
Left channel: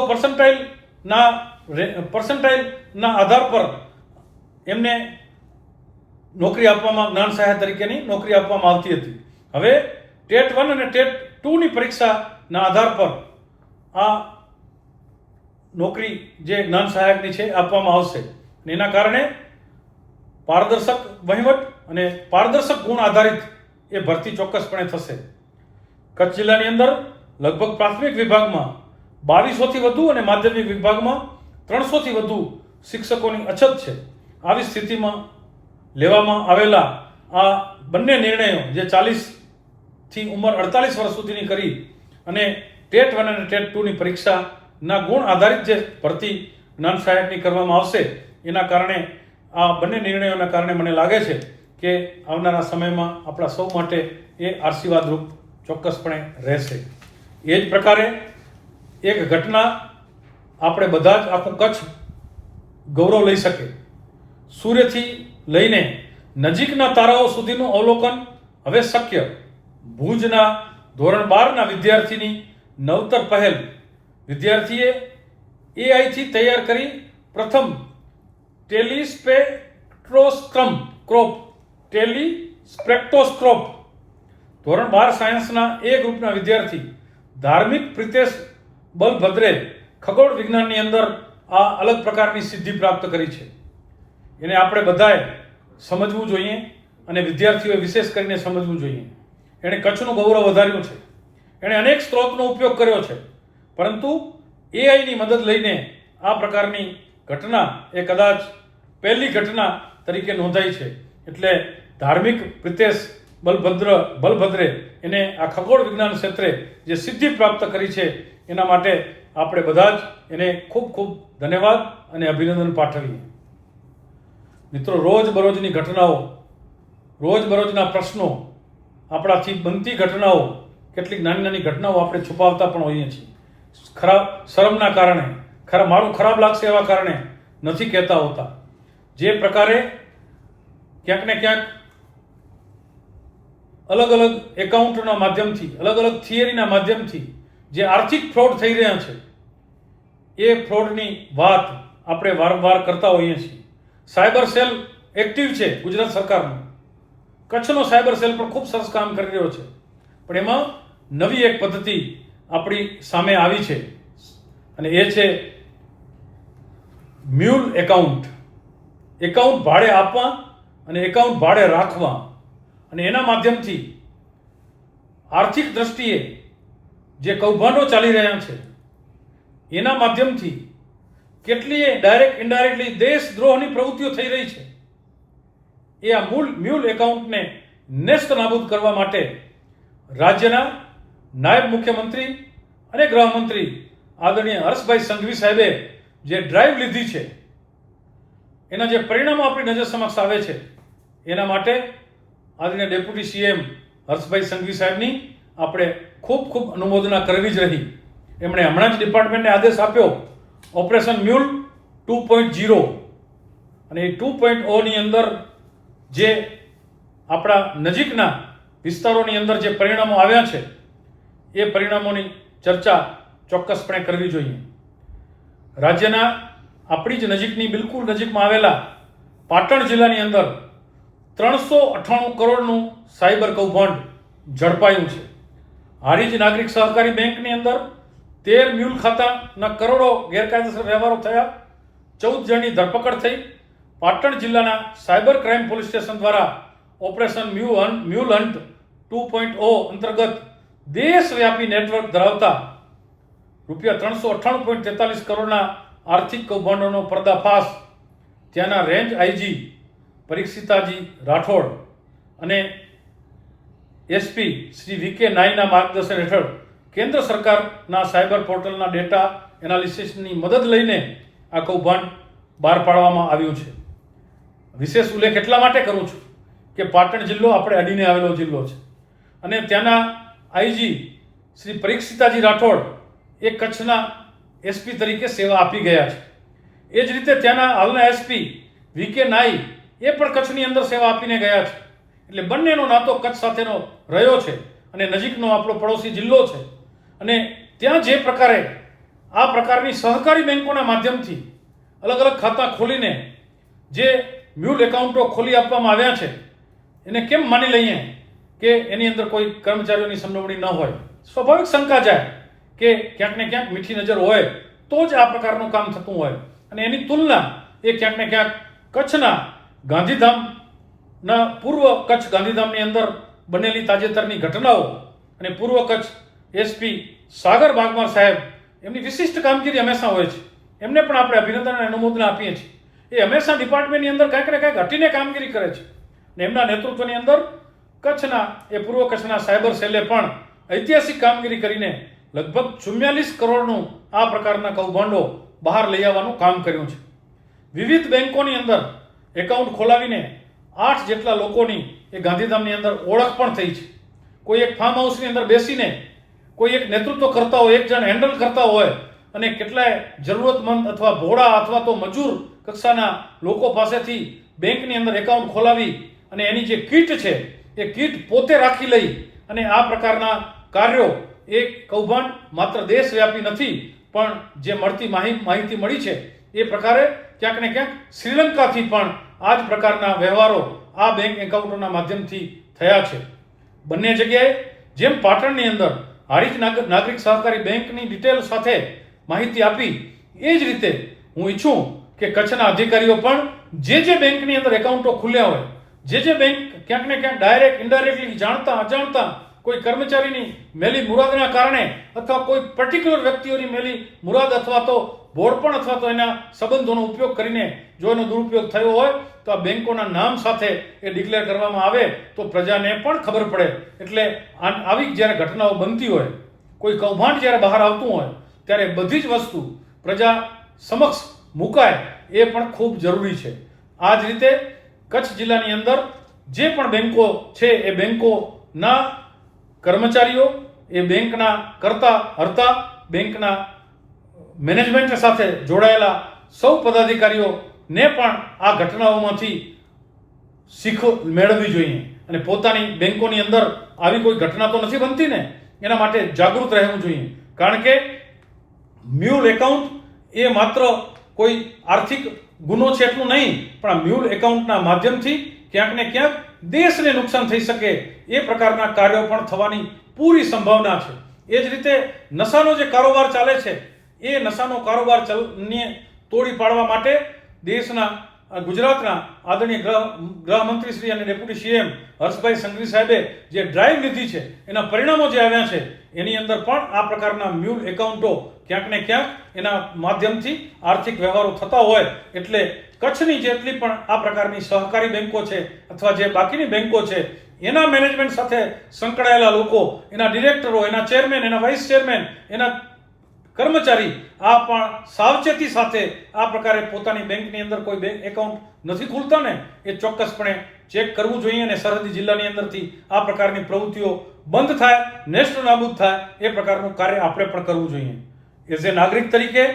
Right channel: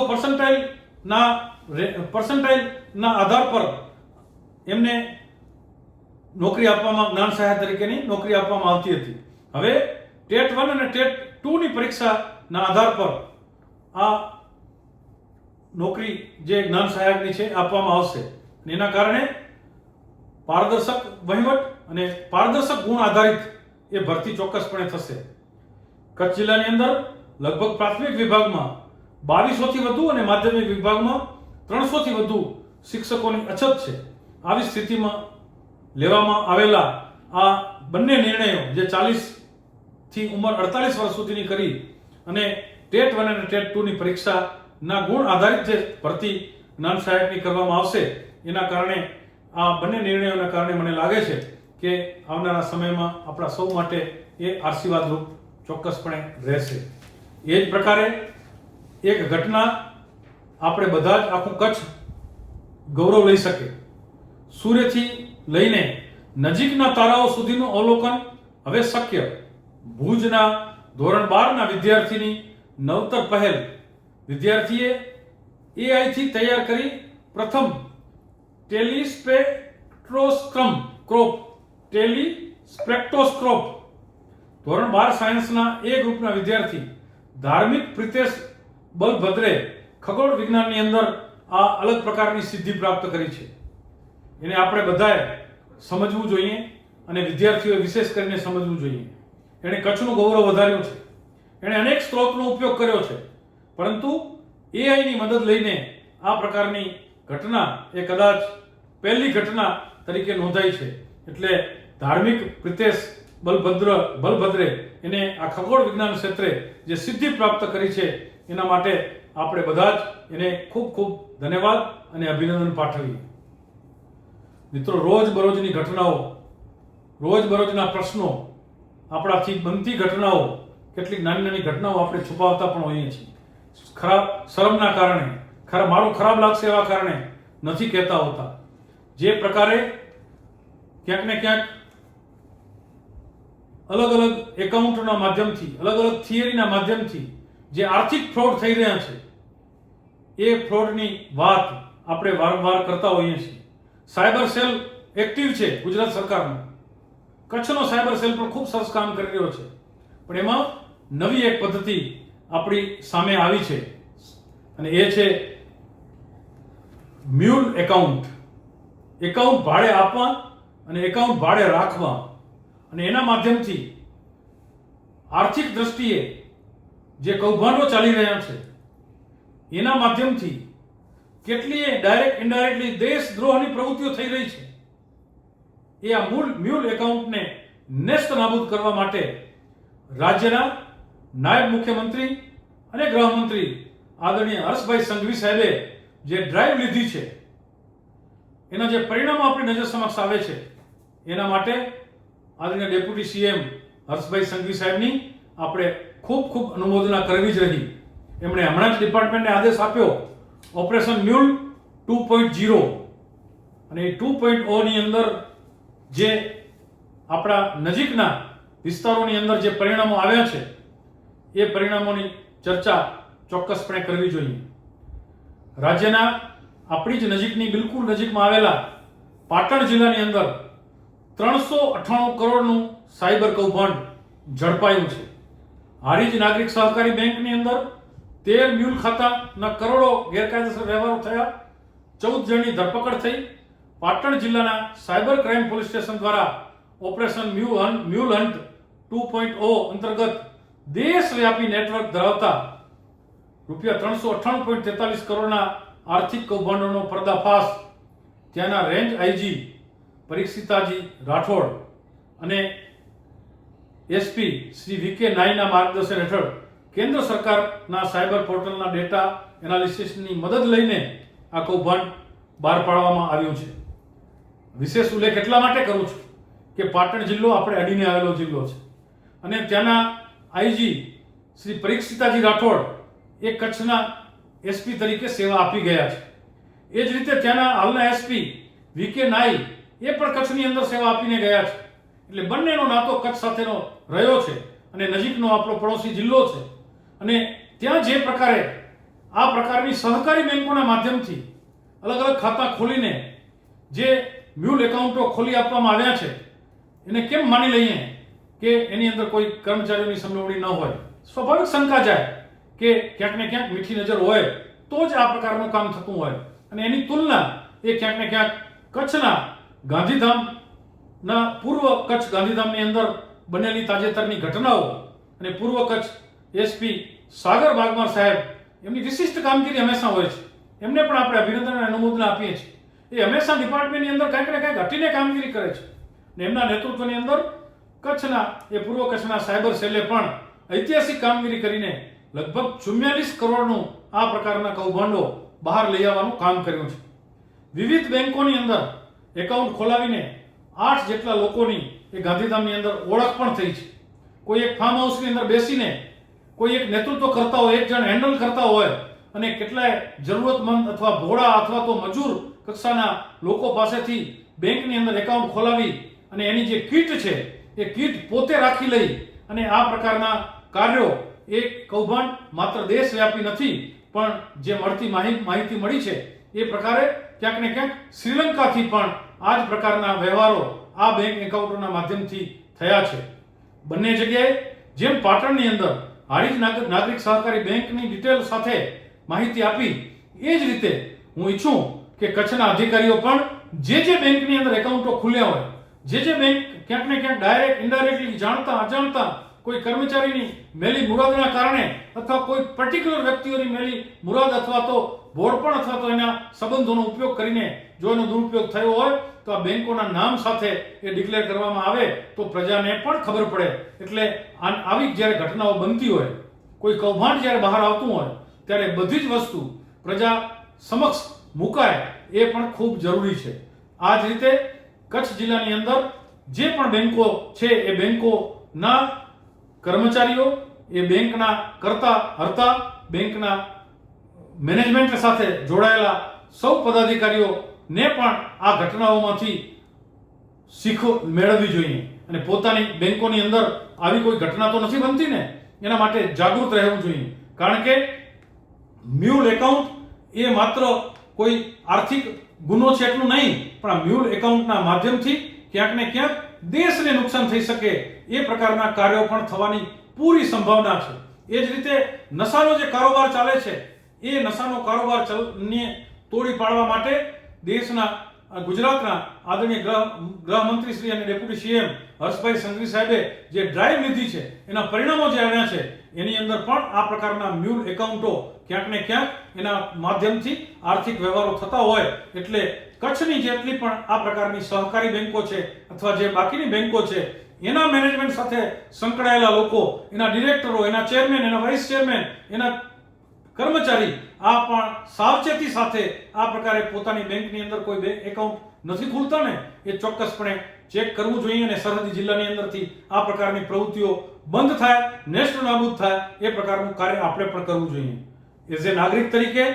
પર્સન્ટાઇલના આધાર પર એમને નોકરી આપવામાં, જ્ઞાન સહાયક તરીકેની નોકરી આપવામાં આવતી હતી. હવે ટેટ 1 અને ટેટ 2 ની પરીક્ષાના આધાર પર આ નોકરી જે જ્ઞાન સહાયકની છે આપવામાં આવશે. એના કારણે પારદર્શક વહીવટ અને પારદર્શક ગુણ આધારિત એ ભરતી ચોક્કસપણે થશે. કચ્છ જિલ્લાની અંદર લગભગ પ્રાથમિક વિભાગમાં 2200 થી વધુ અને માધ્યમિક વિભાગમાં 300 થી વધુ શિક્ષકોની અછત છે. આવી સ્થિતિમાં લેવામાં આવેલા આ બંને નિર્ણયો જે 40 થી ઉંમર 48 વર્ષ સુધીની કરી અને ટેટ 1 અને ટેટ 2 ની પરીક્ષાના ગુણ આધારિત જે ભરતી જ્ઞાન સહાયકની કરવામાં આવશે, એના કારણે આ બંને નિર્ણયોના કારણે મને લાગે છે કે આવનારા સમયમાં આપણા સૌ માટે એ આશીર્વાદરૂપ ચોક્કસપણે રહેશે. એ જ પ્રકારે એક ઘટના આપણે બધા જ આખું કચ્છ ગૌરવ લઈ શકે. સૂર્યથી લઈને નજીકના તારાઓ સુધીનું અવલોકન હવે શક્ય. ભુજના ધોરણ 12 ના વિદ્યાર્થીની નવતર પહેલ. વિદ્યાર્થીએ AI થી તૈયાર કરી પ્રથમ ટેલિસ્પેક્ટ્રોસ્કોપ. ધોરણ 12 સાયન્સના એ ગ્રુપના વિદ્યાર્થી ધાર્મિક પ્રિતેશ બલભદ્રે ખગોળ વિજ્ઞાનની અંદર આ અલગ પ્રકારની સિદ્ધિ પ્રાપ્ત કરી છે. એને આપણે બધાએ સમજવું જોઈએ અને વિદ્યાર્થીઓએ વિશેષ કરીને સમજવું જોઈએ. એણે કચ્છનું ગૌરવ વધાર્યું છે. એણે અનેક સ્ત્રોતનો ઉપયોગ કર્યો છે, પરંતુ એઆઈની મદદ લઈને આ પ્રકારની ઘટના એ કદાચ પહેલી ઘટના તરીકે નોંધાઈ છે. એટલે ધાર્મિક પ્રિતેશ બલભદ્રે એને આ ખગોળ વિજ્ઞાન ક્ષેત્રે જે સિદ્ધિ પ્રાપ્ત કરી છે, એના માટે આપણે બધા જ એને ખૂબ ખૂબ ધન્યવાદ અને અભિનંદન પાઠવીએ. મિત્રો, રોજબરોજની ઘટનાઓ, રોજબરોજના પ્રશ્નો, આપણાથી બનતી ઘટનાઓ, કેટલીક નાની નાની ઘટનાઓ આપણે છુપાવતા પણ હોઈએ છીએ. ખરાબ શરમના કારણે, મારું ખરાબ લાગશે એવા કારણે નથી કહેતા હોતા. જે પ્રકારે ક્યાંક ને ક્યાંક અલગ અલગ એકાઉન્ટના માધ્યમથી, અલગ અલગ થિયરીના માધ્યમથી જે આર્થિક ફ્રોડ થઈ રહ્યા છે, એ ફ્રોડની વાત આપણે વારંવાર કરતા હોઈએ છીએ. સાયબર સેલ એક્ટિવ છે ગુજરાત સરકારનો. કચ્છનો સાયબર સેલ પણ ખૂબ સરસ કામ કરી રહ્યો છે. પણ એમાં નવી એક પદ્ધતિ આપણી સામે આવી છે અને એ છે મ્યુલ એકાઉન્ટ. એકાઉન્ટ ભાડે આપવા અને એકાઉન્ટ ભાડે રાખવા અને એના માધ્યમથી આર્થિક દ્રષ્ટિએ જે કૌભાંડો ચાલી રહ્યા છે, એના માધ્યમથી કેટલીય ડાયરેક્ટ ઇનડાયરેક્ટલી દેશદ્રોહની પ્રવૃત્તિઓ થઈ રહી છે. એ આ મ્યુલ એકાઉન્ટને નેસ્ત નાબૂદ કરવા માટે રાજ્યના નાયબ મુખ્યમંત્રી અને ગૃહમંત્રી આદરણીય હર્ષભાઈ સંઘવી સાહેબે જે ડ્રાઈવ લીધી છે, એના જે પરિણામો આપણી નજર સમક્ષ આવે છે, એના માટે આદરણીય ડેપ્યુટી સીએમ હર્ષભાઈ સંઘવી સાહેબની આપણે ખૂબ ખૂબ અનુમોદના કરવી જ રહી. એમણે હમણાં જ ડિપાર્ટમેન્ટને આદેશ આપ્યો ઓપરેશન મ્યુલ 2.0, અને એ 2.0 ની અંદર જે આપણા નજીકના વિસ્તારોની અંદર જે પરિણામો આવ્યા છે, એ પરિણામોની ચર્ચા ચોક્કસપણે કરવી જોઈએ. રાજ્યના આપણી જ નજીકની, બિલકુલ નજીકમાં આવેલા પાટણ જિલ્લાની અંદર 398 કરોડનું સાયબર કૌભાંડ ઝડપાયું છે. હારીજ નાગરિક સહકારી બેંકની અંદર 13 મ્યુલ ખાતાના કરોડો ગેરકાયદેસર વ્યવહારો થયા. 14 જણની ધરપકડ થઈ. પાટણ જિલ્લાના સાયબર ક્રાઇમ પોલીસ સ્ટેશન દ્વારા ઓપરેશન મ્યુલ હન્ટ 2.0 અંતર્ગત દેશવ્યાપી નેટવર્ક ધરાવતા રૂપિયા 398.43 કરોડના આર્થિક કૌભાંડોનો પર્દાફાશ ત્યાંના રેન્જ આઈજી પરીક્ષિતાજી રાઠોડ અને એસપી શ્રી વીકે નાઈના માર્ગદર્શન હેઠળ કેન્દ્ર સરકારના સાયબર પોર્ટલના ડેટા એનાલિસિસની મદદ લઈને આ કૌભાંડ બહાર પાડવામાં આવ્યું છે. વિશેષ ઉલ્લેખ એટલા માટે કરું છું કે પાટણ જિલ્લો આપણે અડીને આવેલો જિલ્લો છે અને ત્યાંના આઈજી શ્રી પરીક્ષિતાજી રાઠોડ એ કચ્છના એસપી તરીકે સેવા આપી ગયા છે. એ જ રીતે ત્યાંના હાલના એસપી વીકે નાઈ એ પણ કચ્છની અંદર સેવા આપીને ગયા છે. એટલે બંનેનો નાતો કચ્છ સાથેનો રહ્યો છે અને નજીકનો આપણો પડોશી જિલ્લો છે. અને ત્યાં જે પ્રકારે આ પ્રકારની સહકારી બેંકોના માધ્યમથી અલગ અલગ ખાતા ખોલીને જે મ્યુલ એકાઉન્ટો ખોલી આપવામાં આવ્યા છે, એને કેમ માની લઈએ કે એની અંદર કોઈ કર્મચારીઓની સંડોવણી ન હોય? સ્વાભાવિક શંકા જાય કે ક્યાંક ને ક્યાંક મીઠી નજર હોય તો જ આ પ્રકારનું કામ થતું હોય. અને એની તુલના એ ક્યાંક ને ક્યાંક કચ્છના ગાંધીધામના પૂર્વ કચ્છ ગાંધીધામની અંદર બનેલી તાજેતરની ઘટનાઓ અને પૂર્વ કચ્છ એસપી સાગર બાગમાર સાહેબ, એમની વિશિષ્ટ કામગીરી હંમેશા હોય છે. એમને પણ આપણે અભિનંદન અને અનુમોદના આપીએ છીએ. એ હંમેશા ડિપાર્ટમેન્ટની અંદર કાંઈક ને કાંઈક હટીને કામગીરી કરે છે. અને એમના નેતૃત્વની અંદર પૂર્વ કચ્છના સાયબર સેલે પણ ઐતિહાસિક કામગીરી કરીને લગભગ 44 કરોડનું આ પ્રકારના કૌભાંડો બહાર લઈ આવવાનું કામ કર્યું છે. વિવિધ બેંકોની અંદર એકાઉન્ટ ખોલાવીને 8 જેટલા લોકોની એ ગાંધીધામની અંદર ઓળખ પણ થઈ છે. કોઈ એક ફાર્મ હાઉસની અંદર બેસીને કોઈ એક નેતૃત્વ કરતા હોય, એક જણ હેન્ડલ કરતા હોય અને કેટલાય જરૂરતમંદ અથવા ભોળા અથવા તો મજૂર કક્ષાના લોકો પાસેથી બેંકની અંદર એકાઉન્ટ ખોલાવી અને એની જે કીટ છે એ કીટ પોતે રાખી લઈ અને આ પ્રકારના કાર્યો, એ કૌભાંડ માત્ર દેશવ્યાપી નથી, પણ જે મળતી માહિતી મળી છે એ પ્રકારે ક્યાંક ને ક્યાંક શ્રીલંકાથી પણ આ જ પ્રકારના વ્યવહારો આ બેંક એકાઉન્ટોના માધ્યમથી થયા છે. બંને જગ્યાએ જેમ પાટણની અંદર હારીજ નાગરિક સહકારી બેંકની ડિટેલ સાથે માહિતી આપી, એ જ રીતે હું ઈચ્છું કે કચ્છના અધિકારીઓ પણ જે બેંકની અંદર એકાઉન્ટો ખુલ્યા હોય, જે બેંક ક્યાંક ને ક્યાંક ડાયરેક્ટ ઇનડાયરેક્ટલી જાણતા અજાણતા કોઈ કર્મચારીની મેલી મુરાદના કારણે અથવા કોઈ પર્ટિક્યુલર વ્યક્તિઓની મેલી મુરાદ અથવા તો ભોળપણ અથવા તો એના સંબંધોનો ઉપયોગ કરીને જો એનો દુરુપયોગ થયો હોય તો આ બેંકોના નામ સાથે એ ડિક્લેર કરવામાં આવે તો પ્રજાને પણ ખબર પડે. એટલે આવી જ્યારે ઘટનાઓ બનતી હોય, કોઈ કૌભાંડ જ્યારે બહાર આવતું હોય, ત્યારે બધી જ વસ્તુ પ્રજા સમક્ષ મુકાય એ પણ ખૂબ જરૂરી છે. આ જ રીતે કચ્છ જિલ્લાની અંદર જે પણ બેંકો છે એ બેંકોના કર્મચારીઓ, એ બેંકના કરતા હરતા, બેંકના મેનેજમેન્ટ સાથે જોડાયેલા સૌ પદાધિકારીઓને પણ આ ઘટનાઓમાંથી શીખ મેળવવી જોઈએ અને પોતાની બેંકોની અંદર આવી કોઈ ઘટના તો નથી બનતી ને, એના માટે જાગૃત રહેવું જોઈએ. કારણ કે મ્યુલ એકાઉન્ટ એ માત્ર કોઈ આર્થિક ગુનો છે એટલું નહીં, પણ આ મ્યુલ એકાઉન્ટના માધ્યમથી ક્યાંક ને ક્યાંક દેશને નુકસાન થઈ શકે એ પ્રકારના કાર્યો પણ થવાની પૂરી સંભાવના છે. એ જ રીતે નશાનો જે કારોબાર ચાલે છે, એ નશાનો કારોબાર તોડી પાડવા માટે દેશના ગુજરાતના આદરણીય ગૃહમંત્રી શ્રી અને ડેપ્યુટી સીએમ હર્ષભાઈ સંઘવી સાહેબે જે ડ્રાઈવ લીધી છે, એના પરિણામો જે આવ્યા છે, એની અંદર પણ આ પ્રકારના મ્યુલ એકાઉન્ટો ક્યાંક ને ક્યાંક એના માધ્યમથી આર્થિક વ્યવહારો થતા હોય. એટલે કચ્છની જેટલી પણ આ પ્રકારની સહકારી બેંકો છે અથવા જે બાકીની બેંકો છે, એના મેનેજમેન્ટ સાથે સંકળાયેલા લોકો, એના ડિરેક્ટરો, એના ચેરમેન, એના વાઇસ ચેરમેન, એના કર્મચારી આ પણ સાવચેતી સાથે આ પ્રકારે પોતાની બેંકની અંદર કોઈ બેંક એકાઉન્ટ નથી ખુલતા ને, એ ચોક્કસપણે ચેક કરવું જોઈએ અને સરહદી જિલ્લાની અંદરથી આ પ્રકારની પ્રવૃત્તિઓ બંધ થાય, નેસ્ત નાબૂદ થાય, એ પ્રકારનું કાર્ય આપણે પણ કરવું જોઈએ. એઝ એ નાગરિક તરીકે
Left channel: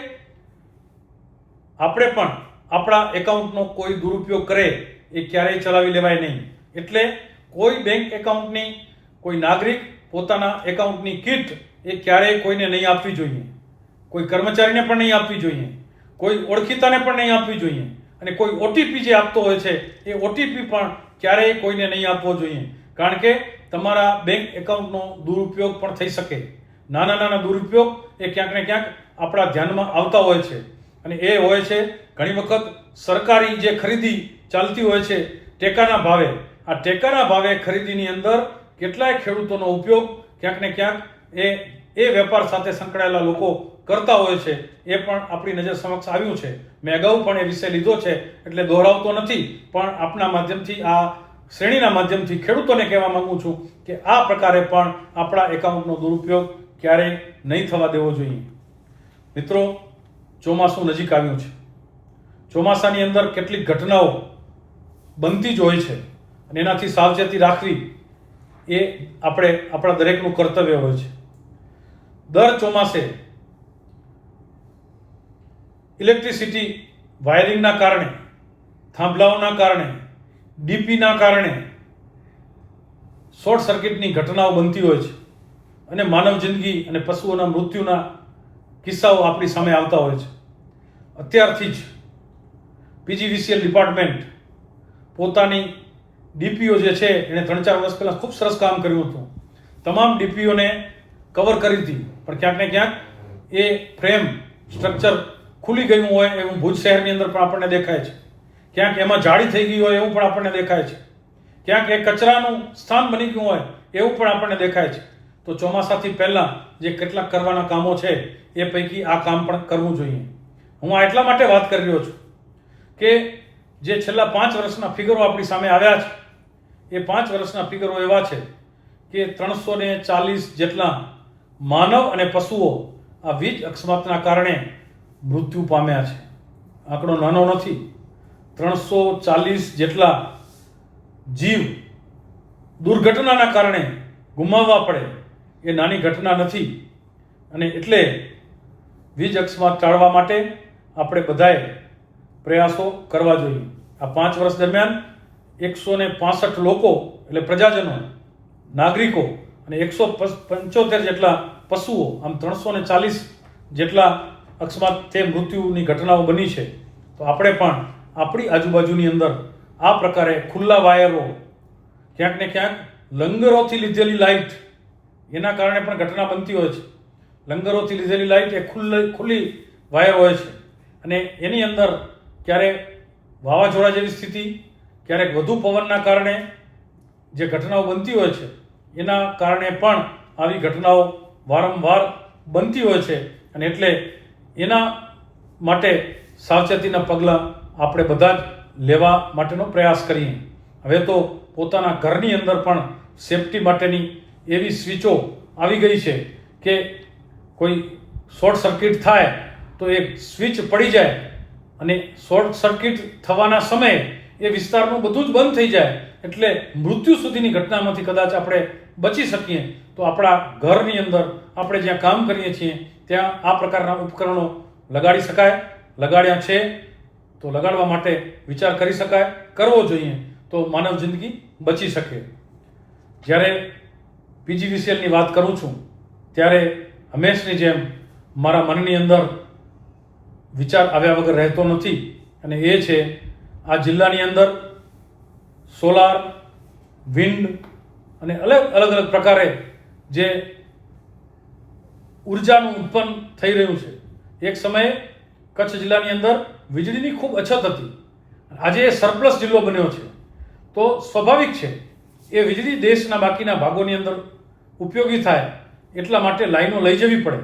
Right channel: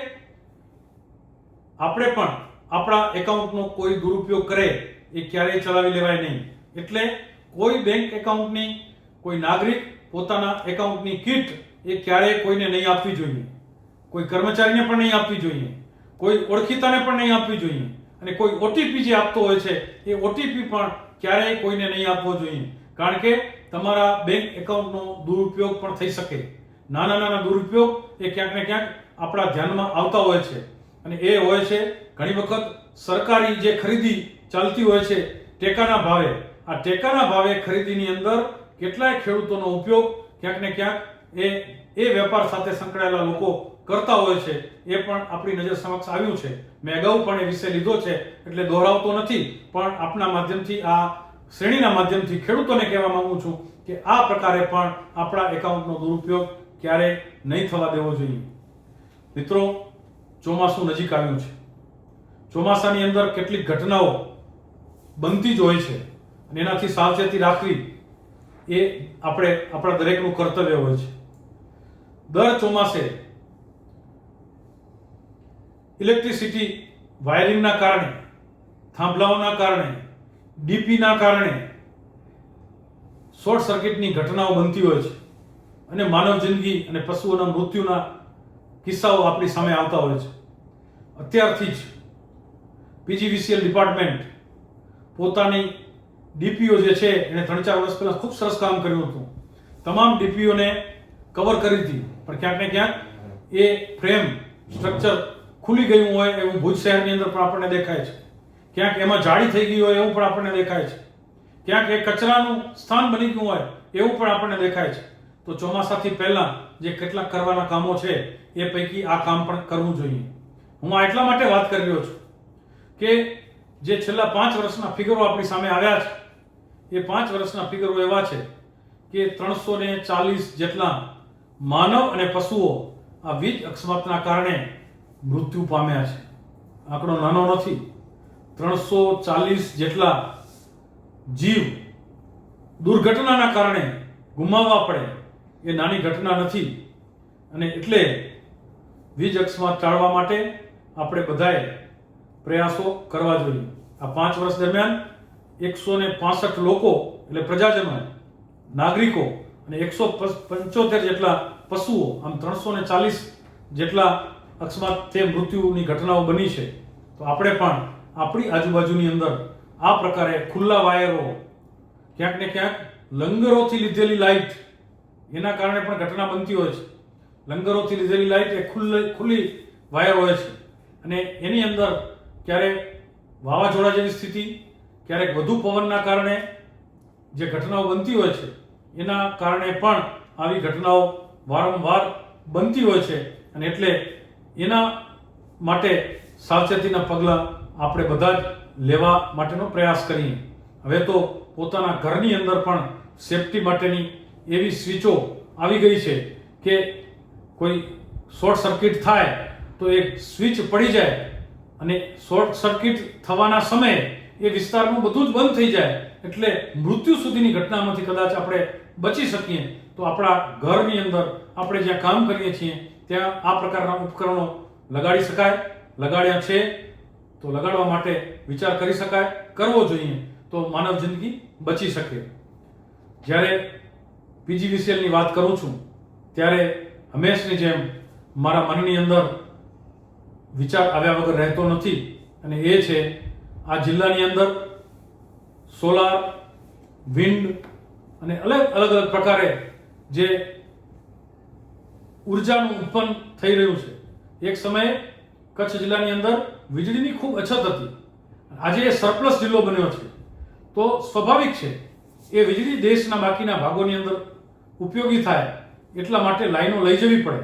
આપણે પણ આપણા એકાઉન્ટનો કોઈ દુરુપયોગ કરે એ ક્યારેય ચલાવી લેવાય નહીં. એટલે કોઈ બેંક એકાઉન્ટની, કોઈ નાગરિક પોતાના એકાઉન્ટની કીટ એ ક્યારેય કોઈને નહીં આપવી જોઈએ, કોઈ કર્મચારીને પણ નહીં આપવી જોઈએ, કોઈ ઓળખીતાને પણ નહીં આપવી જોઈએ, અને કોઈ ઓટીપી જે આપતો હોય છે એ ઓટીપી પણ ક્યારેય કોઈને નહીં આપવો જોઈએ. કારણ કે તમારા બેંક એકાઉન્ટનો દુરુપયોગ પણ થઈ શકે. નાના દુરુપયોગ એ ક્યાંક ને ક્યાંક આપણા ધ્યાનમાં આવતા હોય છે, અને એ હોય છે ઘણી વખત સરકારી જે ખરીદી ચાલતી હોય છે ટેકાના ભાવે. આ ટેકાના ભાવે ખરીદીની અંદર કેટલાય ખેડૂતોનો ઉપયોગ ક્યાંક ને ક્યાંક એ વેપાર સાથે સંકળાયેલા લોકો કરતા હોય છે. એ પણ આપણી નજર સમક્ષ આવ્યું છે. મેં અગાઉ પણ એ વિષય લીધો છે એટલે દોહરાવતો નથી, પણ આપના માધ્યમથી, આ શ્રેણીના માધ્યમથી ખેડૂતોને કહેવા માંગુ છું કે આ પ્રકારે પણ આપણા એકાઉન્ટનો દુરુપયોગ ક્યારેય નહીં થવા દેવો જોઈએ. મિત્રો, ચોમાસું નજીક આવ્યું છે. ચોમાસાની અંદર કેટલીક ઘટનાઓ બનતી જ હોય છે અને એનાથી સાવચેતી રાખવી એ આપણા દરેકનું કર્તવ્ય હોય છે. દર ચોમાસે ઇલેક્ટ્રિસિટી વાયરિંગના કારણે, થાંભલાઓના કારણે, ડીપીના કારણે શોર્ટ સર્કિટની ઘટનાઓ બનતી હોય છે અને માનવ જિંદગી અને પશુઓના મૃત્યુના કિસ્સાઓ આપણી સામે આવતા હોય છે. અત્યારથી જ પીજીવીસીએલ ડિપાર્ટમેન્ટ પોતાની ડીપીઓ જે છે એને 3-4 વર્ષ પહેલા ખૂબ સરસ કામ કર્યું હતું. તમામ ડીપીઓને કવર કરી હતી, પણ ક્યાંક ને ક્યાંક એ ફ્રેમ સ્ટ્રક્ચર ખુલી ગયું હોય એવું ભુજ શહેરની અંદર પણ આપણને દેખાય છે. ક્યાંક એમાં જાળી થઈ ગઈ હોય એવું પણ આપણને દેખાય છે. ક્યાંક એ કચરાનું સ્થાન બની ગયું હોય એવું પણ આપણને દેખાય છે. તો તો ચોમાસાથી પહેલાં જે કેટલાક કરવાના કામો છે એ પૈકી આ કામ પણ કરવું જોઈએ. હું આ એટલા માટે વાત કરી રહ્યો છું કે જે છેલ્લા 5 વર્ષના ફિગરો આપણી સામે આવ્યા છે એ 5 વર્ષના ફિગરો એવા છે કે 340 જેટલા માનવ અને પશુઓ આ વીજ અકસ્માતના કારણે મૃત્યુ પામ્યા છે. આંકડો નાનો નથી. 340 જેટલા જીવ દુર્ઘટનાના કારણે ગુમાવવા પડે એ નાની ઘટના નથી. અને એટલે વીજ અકસ્માત ટાળવા માટે આપણે બધાએ પ્રયાસો કરવા જોઈએ. આ 5 વર્ષ દરમિયાન 165 લોકો એટલે પ્રજાજનો, નાગરિકો અને 175 જેટલા પશુઓ, આમ 340 જેટલા અકસ્માતથી મૃત્યુની ઘટનાઓ બની છે. તો આપણે પણ આપણી આજુબાજુની અંદર આ પ્રકારે ખુલ્લા વાયરો, ક્યાંક ને ક્યાંક લંગરોથી લીધેલી લાઇટ, એના કારણે પણ ઘટના બનતી હોય છે. લંગરોથી લીધેલી લાઇટ એ ખુલ્લી વાયર હોય છે અને એની અંદર ક્યારેક વાવાઝોડા જેવી સ્થિતિ, ક્યારેક વધુ પવનના કારણે જે ઘટનાઓ બનતી હોય છે એના કારણે પણ આવી ઘટનાઓ વારંવાર બનતી હોય છે. અને એટલે એના માટે સાવચેતીના પગલાં આપણે બધા જ લેવા માટેનો પ્રયાસ કરીએ. હવે તો પોતાના ઘરની અંદર પણ સેફટી માટેની એવી સ્વિચો આવી ગઈ છે કે કોઈ શોર્ટ સર્કિટ થાય તો એ સ્વિચ પડી જાય અને શોર્ટ સર્કિટ થવાના સમયે એ વિસ્તારનું બધું જ બંધ થઈ જાય, એટલે મૃત્યુ સુધીની ઘટનામાંથી કદાચ આપણે બચી શકીએ. તો આપણા ઘરની અંદર આપણે જ્યાં કામ કરીએ છીએ ત્યાં આ પ્રકારના ઉપકરણો લગાડી શકાય. લગાડ્યા છે તો લગાડવા માટે વિચાર કરી શકાય, કરવો જોઈએ, તો માનવ જિંદગી બચી શકે. જ્યારે પીજીવીસીએલની વાત કરું છું ત્યારે હંમેશની જેમ મારા મનની અંદર વિચાર આવ્યા વગર રહેતો નથી. અને એ છે આ જિલ્લાની અંદર સોલાર, વિન્ડ અને અલગ પ્રકારે જે ઉર્જાનું ઉત્પન્ન થઈ રહ્યું છે. એક સમયે કચ્છ જિલ્લાની અંદર વીજળીની ખૂબ અછત હતી. આજે એ સરપ્લસ જિલ્લો બન્યો છે. તો સ્વાભાવિક છે એ વીજળી દેશના બાકીના ભાગોની અંદર ઉપયોગી થાય એટલા માટે લાઈનો લઈ જવી પડે.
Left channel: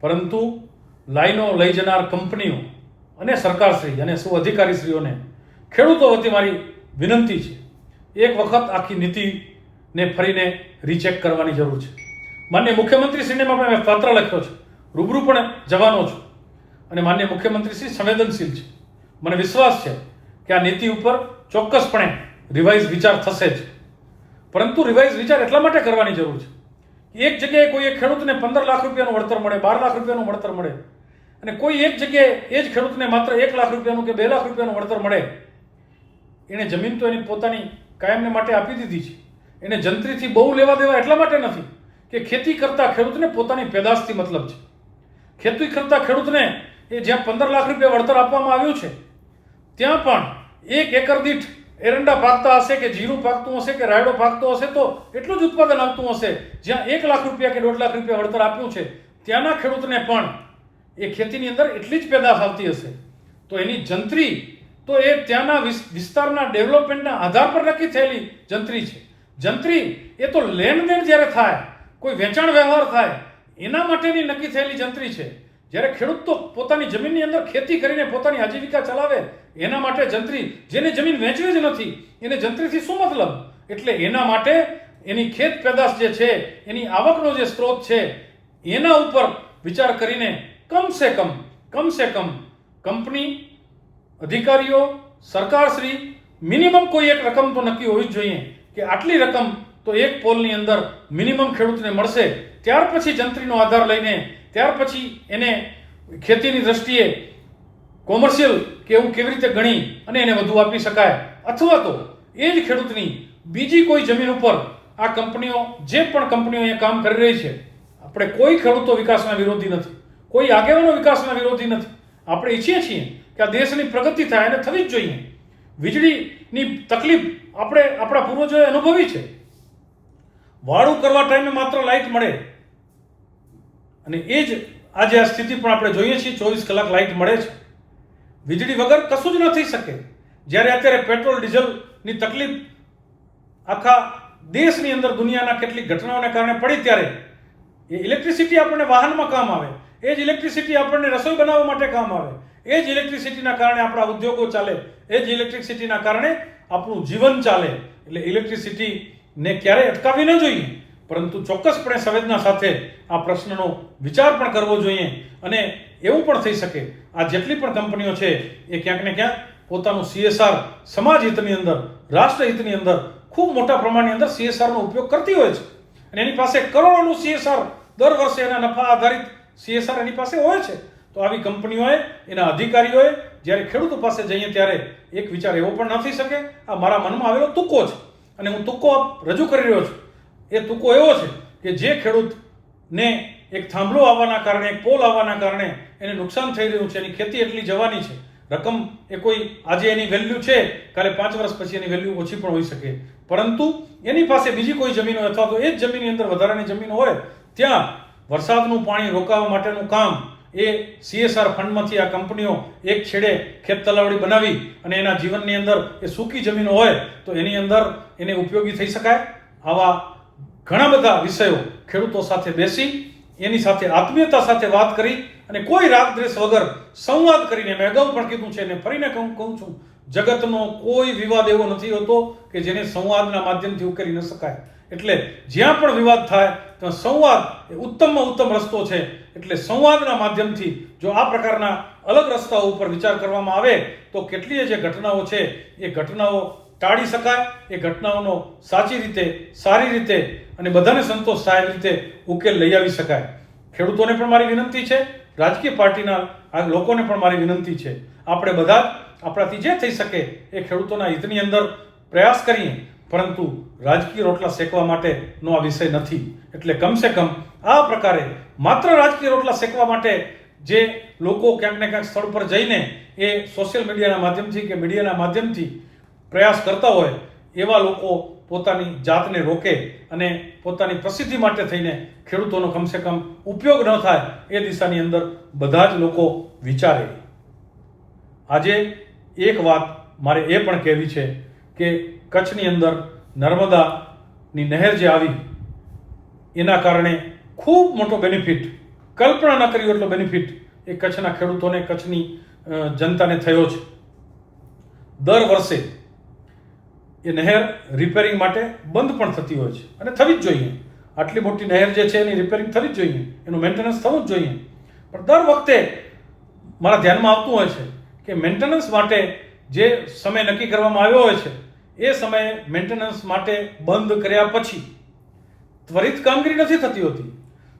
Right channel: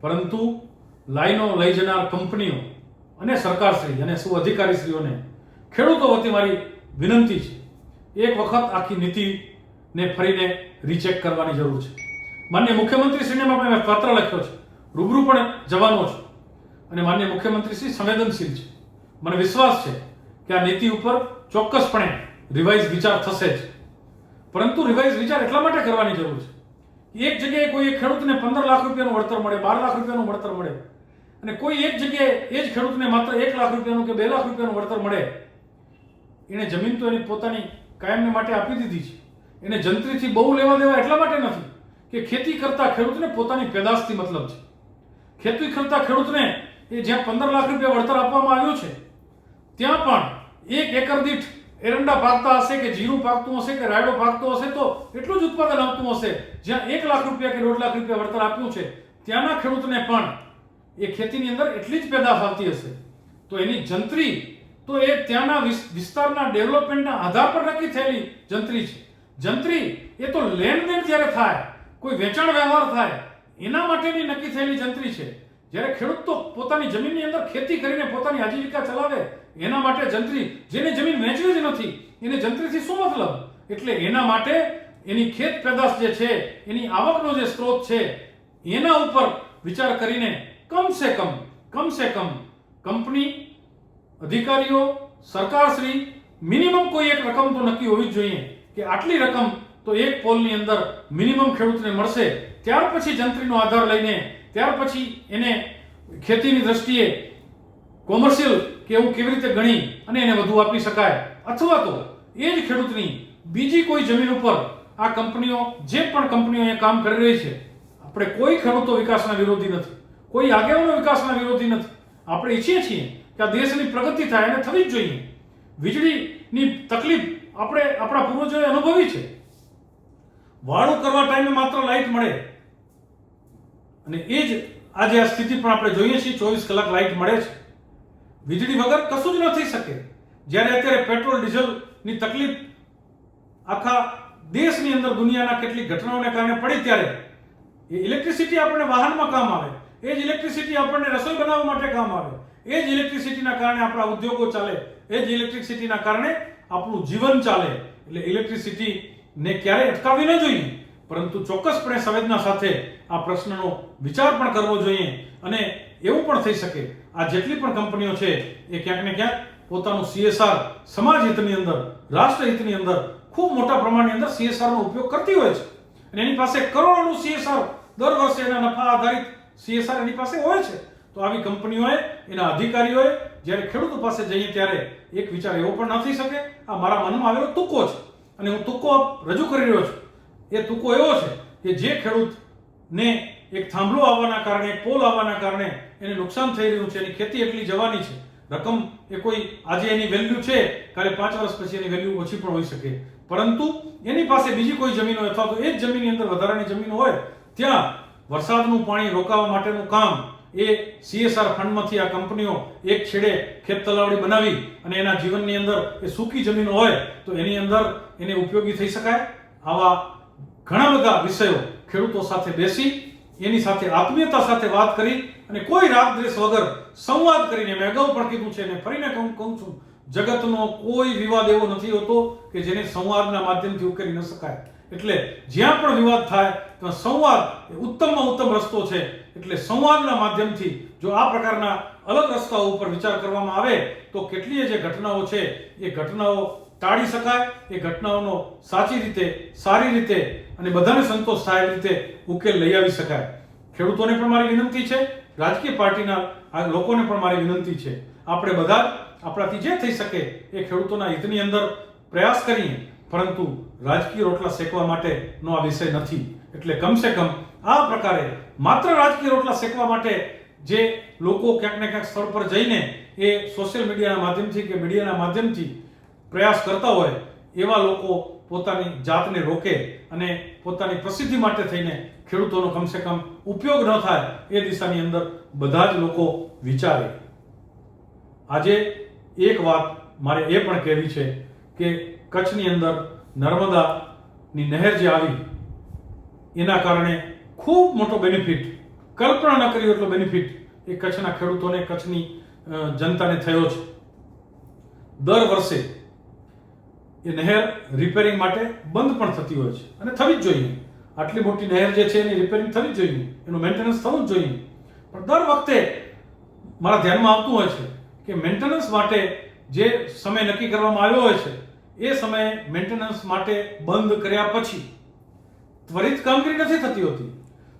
પરંતુ લાઈનો લઈ જનાર કંપનીઓ અને સરકારશ્રી અને સૌ અધિકારીશ્રીઓને ખેડૂતો વતી મારી વિનંતી છે, એક વખત આખી નીતિને ફરીને રીચેક કરવાની જરૂર છે. માનનીય મુખ્યમંત્રીશ્રીને પણ મેં પત્ર લખ્યો છે, રૂબરૂ પણ જવાનો છું અને માનનીય મુખ્યમંત્રીશ્રી સંવેદનશીલ છે. મને વિશ્વાસ છે કે આ નીતિ ઉપર ચોક્કસપણે રિવાઇઝ વિચાર થશે જ. પરંતુ રિવાઇઝ વિચાર એટલા માટે કરવાની જરૂર છે, એક જગ્યાએ કોઈ એક ખેડૂતને 15 લાખ રૂપિયાનું વળતર મળે, 12 લાખ રૂપિયાનું વળતર મળે, અને કોઈ એક જગ્યાએ એ જ ખેડૂતને માત્ર 1 લાખ રૂપિયાનું કે 2 લાખ રૂપિયાનું વળતર મળે. એને જમીન તો એની પોતાની કાયમને માટે આપી દીધી છે. એને જંત્રીથી બહુ લેવા દેવા એટલા માટે નથી કે ખેતી કરતા ખેડૂતને પોતાની પેદાશથી મતલબ છે. ખેતી કરતા ખેડૂતને એ જ્યાં 15 લાખ રૂપિયા વળતર આપવામાં આવ્યું છે ત્યાં પણ 1 એકર દીઠ એરંડા પાકતા હશે કે જીરું પાકતું હશે કે રાયડો પાકતો હશે તો એટલું જ ઉત્પાદન આપતું હશે. જ્યાં 1 લાખ રૂપિયા કે 1.5 લાખ રૂપિયા વળતર આપ્યું છે ત્યાંના ખેડૂતને પણ એ ખેતીની અંદર એટલી જ પેદાશ આવતી હશે. તો એની જંત્રી તો એ ત્યાંના વિસ્તારના ડેવલપમેન્ટના આધાર પર નક્કી થયેલી જંત્રી છે. જંત્રી એ તો લેણદેણ જ્યારે થાય, કોઈ વેચાણ વ્યવહાર થાય એના માટેની નક્કી થયેલી જંત્રી છે. જ્યારે ખેડૂત તો પોતાની જમીનની અંદર ખેતી કરીને પોતાની આજીવિકા ચલાવે એના માટે જંત્રી, જેની જમીન વેચવી જ નથી એને જંત્રીથી શું મતલબ? એટલે એના માટે એની ખેત પેદાશ જે છે, એની આવકનો જે સ્ત્રોત છે એના ઉપર વિચાર કરીને કમસે કમ કંપની, અધિકારીઓ, સરકારશ્રી મિનિમમ કોઈ એક રકમ તો નક્કી હોવી જ જોઈએ કે આટલી રકમ તો એક પોલની અંદર મિનિમમ ખેડૂતને મળશે. ત્યાર પછી જંત્રીનો આધાર લઈને ત્યાર પછી એને ખેતીની દ્રષ્ટિએ કોમર્શિયલ કે એવું કેવી રીતે ગણી અને એને વધુ આપી શકાય, અથવા તો એ જ ખેડૂતની બીજી કોઈ જમીન ઉપર આ કંપનીઓ, જે પણ કંપનીઓ અહીંયા કામ કરી રહી છે, આપણે કોઈ ખેડૂતો વિકાસના વિરોધી નથી, કોઈ આગેવાનો વિકાસના વિરોધી નથી. આપણે ઈચ્છીએ છીએ કે આ દેશની પ્રગતિ થાય અને થવી જ જોઈએ. વીજળીની તકલીફ આપણે આપણા પૂર્વજોએ અનુભવી છે. વાળું કરવા ટાઈમે માત્ર લાઇટ મળે અને એ જ આજે આ સ્થિતિ પણ આપણે જોઈએ છીએ. 24 કલાક લાઇટ મળે છે. વીજળી વગર કશું જ ન થઈ શકે. જ્યારે અત્યારે પેટ્રોલ ડીઝલની તકલીફ આખા દેશની અંદર દુનિયાના કેટલીક ઘટનાઓને કારણે પડી ત્યારે એ ઇલેક્ટ્રિસિટી આપણને વાહનમાં કામ આવે, એ જ ઇલેક્ટ્રિસિટી આપણને રસોઈ બનાવવા માટે કામ આવે, એ જ ઇલેક્ટ્રિસિટીના કારણે આપણા ઉદ્યોગો ચાલે, એ જ ઇલેક્ટ્રિસિટીના કારણે આપણું જીવન ચાલે. એટલે ઇલેક્ટ્રિસિટીને ક્યારેય અટકાવવી ન જોઈએ, પરંતુ ચોક્કસપણે સંવેદના સાથે આ પ્રશ્નનો વિચાર પણ કરવો જોઈએ. અને એવું પણ થઈ શકે આ જેટલી પણ કંપનીઓ છે એ ક્યાંક ને ક્યાંક પોતાનું CSR સમાજ હિતની અંદર, રાષ્ટ્ર હિતની અંદર ખૂબ મોટા પ્રમાણની અંદર CSR નો ઉપયોગ કરતી હોય છે. અને એની પાસે કરોડોનું CSR દર વર્ષે એના નફા આધારિત CSR એની પાસે હોય છે. તો આવી કંપનીઓએ, એના અધિકારીઓએ જ્યારે ખેડૂતો પાસે જઈએ ત્યારે એક વિચાર એવો પણ ન થઈ શકે આ મારા મનમાં આવેલો તુક્કો છે અને હું તુક્કો રજૂ કરી રહ્યો છું. એ તુક્કો એવો છે કે જે ખેડૂતને એક થાંભલો આવવાના કારણે, એક પોલ આવવાના કારણે એને નુકસાન થઈ રહ્યું છે, એની ખેતી એટલી જવાની છે, રકમ એ કોઈ આજે એની વેલ્યુ છે, કાલે 5 વર્ષ પછી એની વેલ્યુ ઓછી પણ હોઈ શકે, પરંતુ એની પાસે બીજી કોઈ જમીન હોય અથવા તો એ જ જમીનની અંદર વધારાની જમીન હોય, ત્યાં વરસાદનું પાણી રોકાવા માટેનું કામ એ CSR ફંડમાંથી આ કંપનીઓ એક છેડે ખેત તલાવડી બનાવી અને એના જીવનની અંદર એ સૂકી જમીનો હોય તો એની અંદર એને ઉપયોગી થઈ શકાય. આવા ઘણા બધા વિષયો ખેડૂતો સાથે બેસી એની સાથે આત્મીયતા સાથે વાત કરી અને કોઈ રાગદ્વેષ વગર સંવાદ કરીને, મેં અગાઉ પણ કીધું છે અને ફરીને કહું છું, જગતનો કોઈ વિવાદ એવો નથી હોતો કે જેને સંવાદના માધ્યમથી ઉકેલી ન શકાય. એટલે જ્યાં પણ વિવાદ થાય ત્યાં સંવાદ એ ઉત્તમમાં ઉત્તમ રસ્તો છે. એટલે સંવાદના માધ્યમથી જો આ પ્રકારના અલગ રસ્તાઓ ઉપર વિચાર કરવામાં આવે તો કેટલીય જે ઘટનાઓ છે એ ઘટનાઓ ટાળી શકાય, એ ઘટનાઓનો સાચી રીતે, સારી રીતે અને બધાને સંતોષ થાય એવી રીતે ઉકેલ લઈ આવી શકાય. ખેડૂતોને પણ મારી વિનંતી છે, રાજકીય પાર્ટીના આ લોકોને પણ મારી વિનંતી છે, આપણે બધા આપણાથી જે થઈ શકે એ ખેડૂતોના હિતની અંદર પ્રયાસ કરીએ, પરંતુ રાજકીય રોટલા શેકવા માટેનો આ વિષય નથી. એટલે કમસે કમ આ પ્રકારે માત્ર રાજકીય રોટલા શેકવા માટે જે લોકો ક્યાંક ને ક્યાંક સ્થળ પર જઈને એ સોશિયલ મીડિયાના માધ્યમથી કે મીડિયાના માધ્યમથી પ્રયાસ કરતા હોય એવા લોકો પોતાની જાતને રોકે અને પોતાની પ્રસિદ્ધિ માટે થઈને ખેડૂતોનો કમસે કમ ઉપયોગ ન થાય એ દિશાની અંદર બધા જ લોકો વિચારે. આજે એક વાત મારે એ પણ કહેવી છે કે કચ્છની અંદર નર્મદાની નહેર જે આવી એના કારણે ખૂબ મોટો બેનિફિટ, કલ્પના ન કરી એટલો બેનિફિટ એ કચ્છના ખેડૂતોને, કચ્છની જનતાને થયો છે. દર વર્ષે એ નહેર રિપેરિંગ માટે બંધ પણ થતી હોય છે અને થવી જ જોઈએ. આટલી મોટી નહેર જે છે એની રિપેરિંગ થવી જ જોઈએ, એનું મેન્ટેનન્સ થવું જ જોઈએ. પણ દર વખતે મારા ધ્યાનમાં આવતું હોય છે કે મેન્ટેનન્સ માટે જે સમય નક્કી કરવામાં આવ્યો હોય છે એ સમયે મેન્ટેનન્સ માટે બંધ કર્યા પછી ત્વરિત કામગીરી નથી થતી હોતી.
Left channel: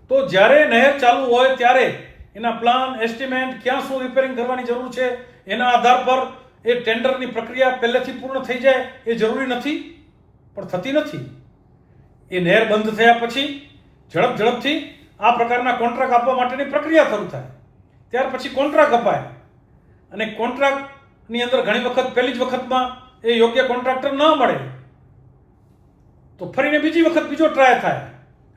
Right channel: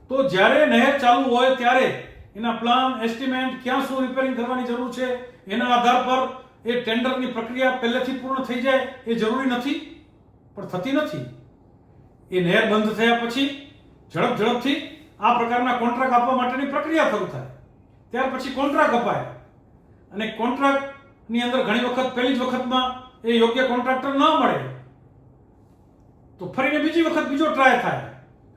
તો જ્યારે નહેર ચાલુ હોય ત્યારે એના પ્લાન, એસ્ટિમેટ, ક્યાં શું રિપેરિંગ કરવાની જરૂર છે એના આધાર પર એ ટેન્ડરની પ્રક્રિયા પહેલેથી પૂર્ણ થઈ જાય એ જરૂરી નથી, પણ થતી નથી. એ નહેર બંધ થયા પછી ઝડપથી આ પ્રકારના કોન્ટ્રાક્ટ આપવા માટેની પ્રક્રિયા શરૂ થાય. ત્યાર પછી કોન્ટ્રાક્ટ અપાય અને કોન્ટ્રાક્ટની અંદર ઘણી વખત પહેલી જ વખતમાં એ યોગ્ય કોન્ટ્રાક્ટર ન મળે તો ફરીને બીજી વખત બીજો ટ્રાય થાય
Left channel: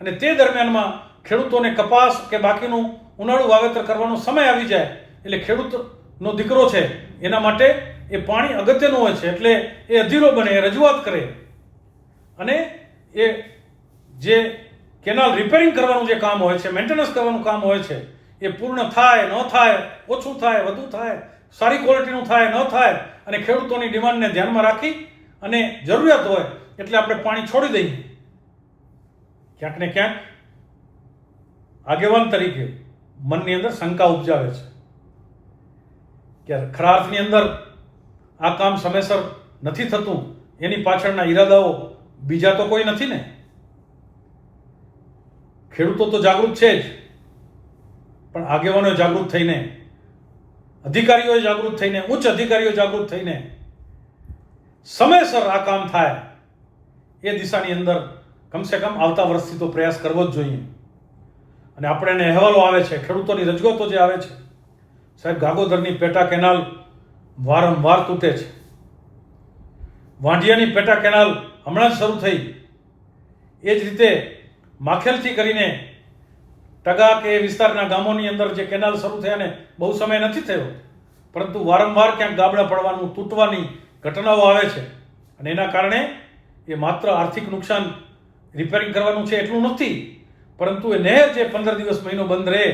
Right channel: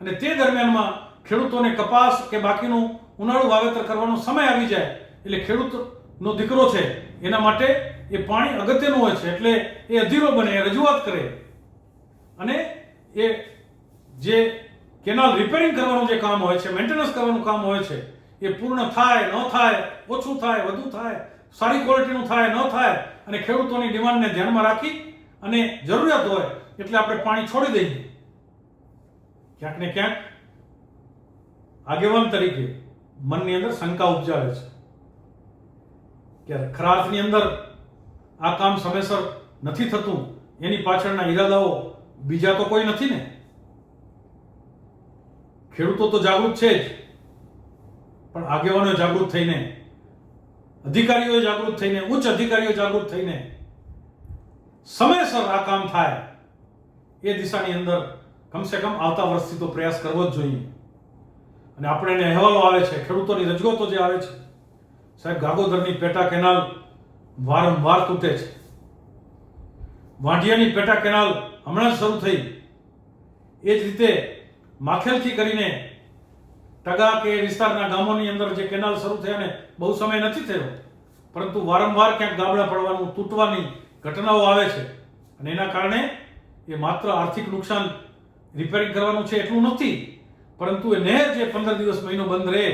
અને તે દરમિયાનમાં ખેડૂતોને કપાસ કે બાકીનું ઉનાળુ વાવેતર કરવાનો સમય આવી જાય. એટલે ખેડૂતનો દીકરો છે એના માટે એ પાણી અગત્યનું હોય છે. એટલે એ અધીરો બને, એ રજૂઆત કરે અને એ જે કેનાલ રિપેરિંગ કરવાનું જે કામ હોય છે, મેન્ટેનન્સ કરવાનું કામ હોય છે એ પૂર્ણ થાય, ન થાય, ઓછું થાય, વધુ થાય, સારી ક્વોલિટીનું થાય, ન થાય અને ખેડૂતોની ડિમાન્ડને ધ્યાનમાં રાખી અને જરૂરિયાત હોય એટલે આપણે પાણી છોડી દઈએ. ક્યાંક ને ક્યાંક આગેવાન તરીકે મનની અંદર શંકા ઉપજાવે છે કે ખરા અર્થની અંદર આ કામ સમયસર નથી થતું, એની પાછળના ઈરાદાઓ બીજા તો કોઈ નથી ને. ખેડૂતો તો જાગૃત છે જ, પણ આગેવાનો જાગૃત થઈને, અધિકારીઓ જાગૃત થઈને, ઉચ્ચ અધિકારીઓ જાગૃત થઈને સમયસર આ કામ થાય એ દિશાની અંદર કમસે કમ આવતા વર્ષથી તો પ્રયાસ કરવો જ જોઈએ. અને આપણે એને અહેવાલો આવે છે, ખેડૂતોની રજૂઆતો જે આવે છે, સાહેબ ગાગોદરની પેટા કેનાલ વારંવાર તૂટે છે, વાંઢિયાની પેટા કેનાલ હમણાં જ શરૂ થઈ, એ જ રીતે માખેલથી કરીને ટગા કે વિસ્તારના ગામોની અંદર જે કેનાલ શરૂ થયાને બહુ સમય નથી થયો, પરંતુ વારંવાર ક્યાંક ગાબડા પડવાનું, તૂટવાની ઘટનાઓ આવે છે અને એના કારણે એ માત્ર આર્થિક નુકસાન રિપેરિંગ કરવાનું છે એટલું નથી, પરંતુ એ નહેર જે 15 દિવસ મહિનો બંધ રહે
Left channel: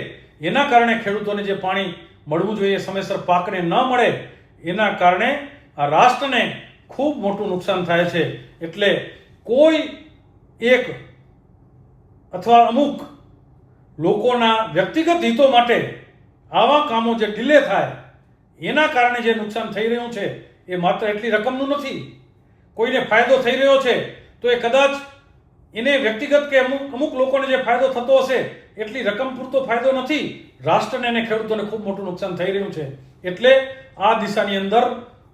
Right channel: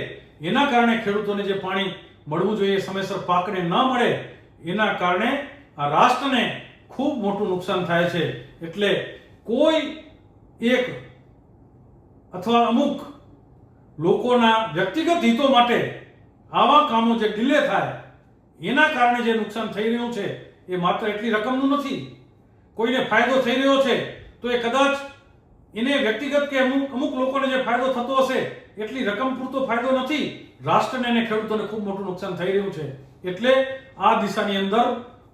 એના કારણે ખેડૂતોને જે પાણી મળવું જોઈએ સમયસર પાકને ન મળે એના કારણે આ રાષ્ટ્રને ખૂબ મોટું નુકસાન થાય છે. એટલે કોઈ એક અથવા અમુક લોકોના વ્યક્તિગત હિતો માટે આવા કામો જે ડિલે થાય એના કારણે જે નુકસાન થઈ રહ્યું છે એ માત્ર એટલી રકમનું નથી. કોઈને ફાયદો થઈ રહ્યો છે તો એ કદાચ એને વ્યક્તિગત કે અમુક લોકોને જે ફાયદો થતો હશે એટલી રકમ પૂરતો ફાયદો નથી, રાષ્ટ્રને અને ખેડૂતોને ખૂબ મોટું નુકસાન થઈ રહ્યું છે. એટલે આ દિશાની અંદર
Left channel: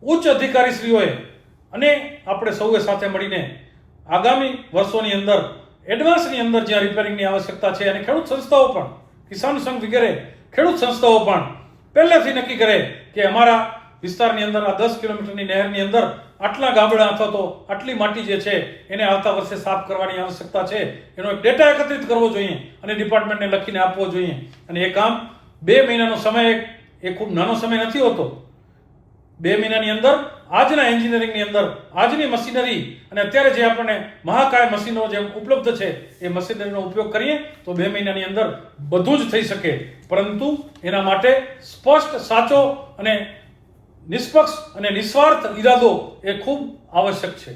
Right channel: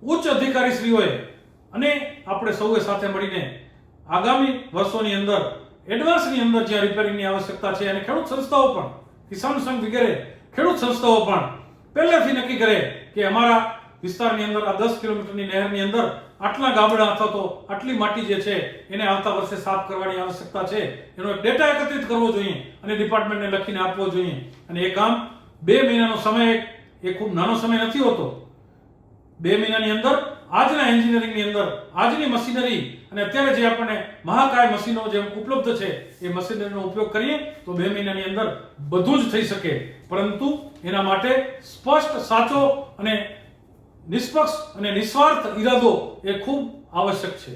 ઉચ્ચ અધિકારીશ્રીઓએ અને આપણે સૌએ સાથે મળીને આગામી વર્ષોની અંદર એડવાન્સની અંદર જ્યાં રિપેરિંગની આવશ્યકતા છે અને ખેડૂત સંસ્થાઓ પણ, કિસાન સંઘ વગેરે ખેડૂત સંસ્થાઓ પણ પહેલેથી નક્કી કરે કે અમારા વિસ્તારની અંદર આ 10 કિલોમીટરની નહેરની અંદર આટલા ગાબડા અથવા તો આટલી માટી જે છે એને આવતા વર્ષે સાફ કરવાની આવશ્યકતા છે, એનો એક ડેટા એકત્રિત કરવો જોઈએ અને ડિપાર્ટમેન્ટને લખીને આપવો જોઈએ. અને એ કામ 2 મહિનાનો સમય એ ખૂબ નાનો સમય નથી હોતો. 2 મહિનાની અંદર આજના એન્જિનિયરિંગની અંદર આજની મશીનરી અને અત્યારે જે આપણને મહાકાય મશીનો જે ઉપલબ્ધ છે એ મશીનરીનો ઉપયોગ કરીએ તો 2 મહિનાની અંદર બધું જ થઈ શકે. પરંતુ એના માટે સ્પષ્ટ, સાચો અને નિષ્પક્ષ અને નિસ્વાર્થ ઈરાદો એ ખૂબ આવશ્યક છે.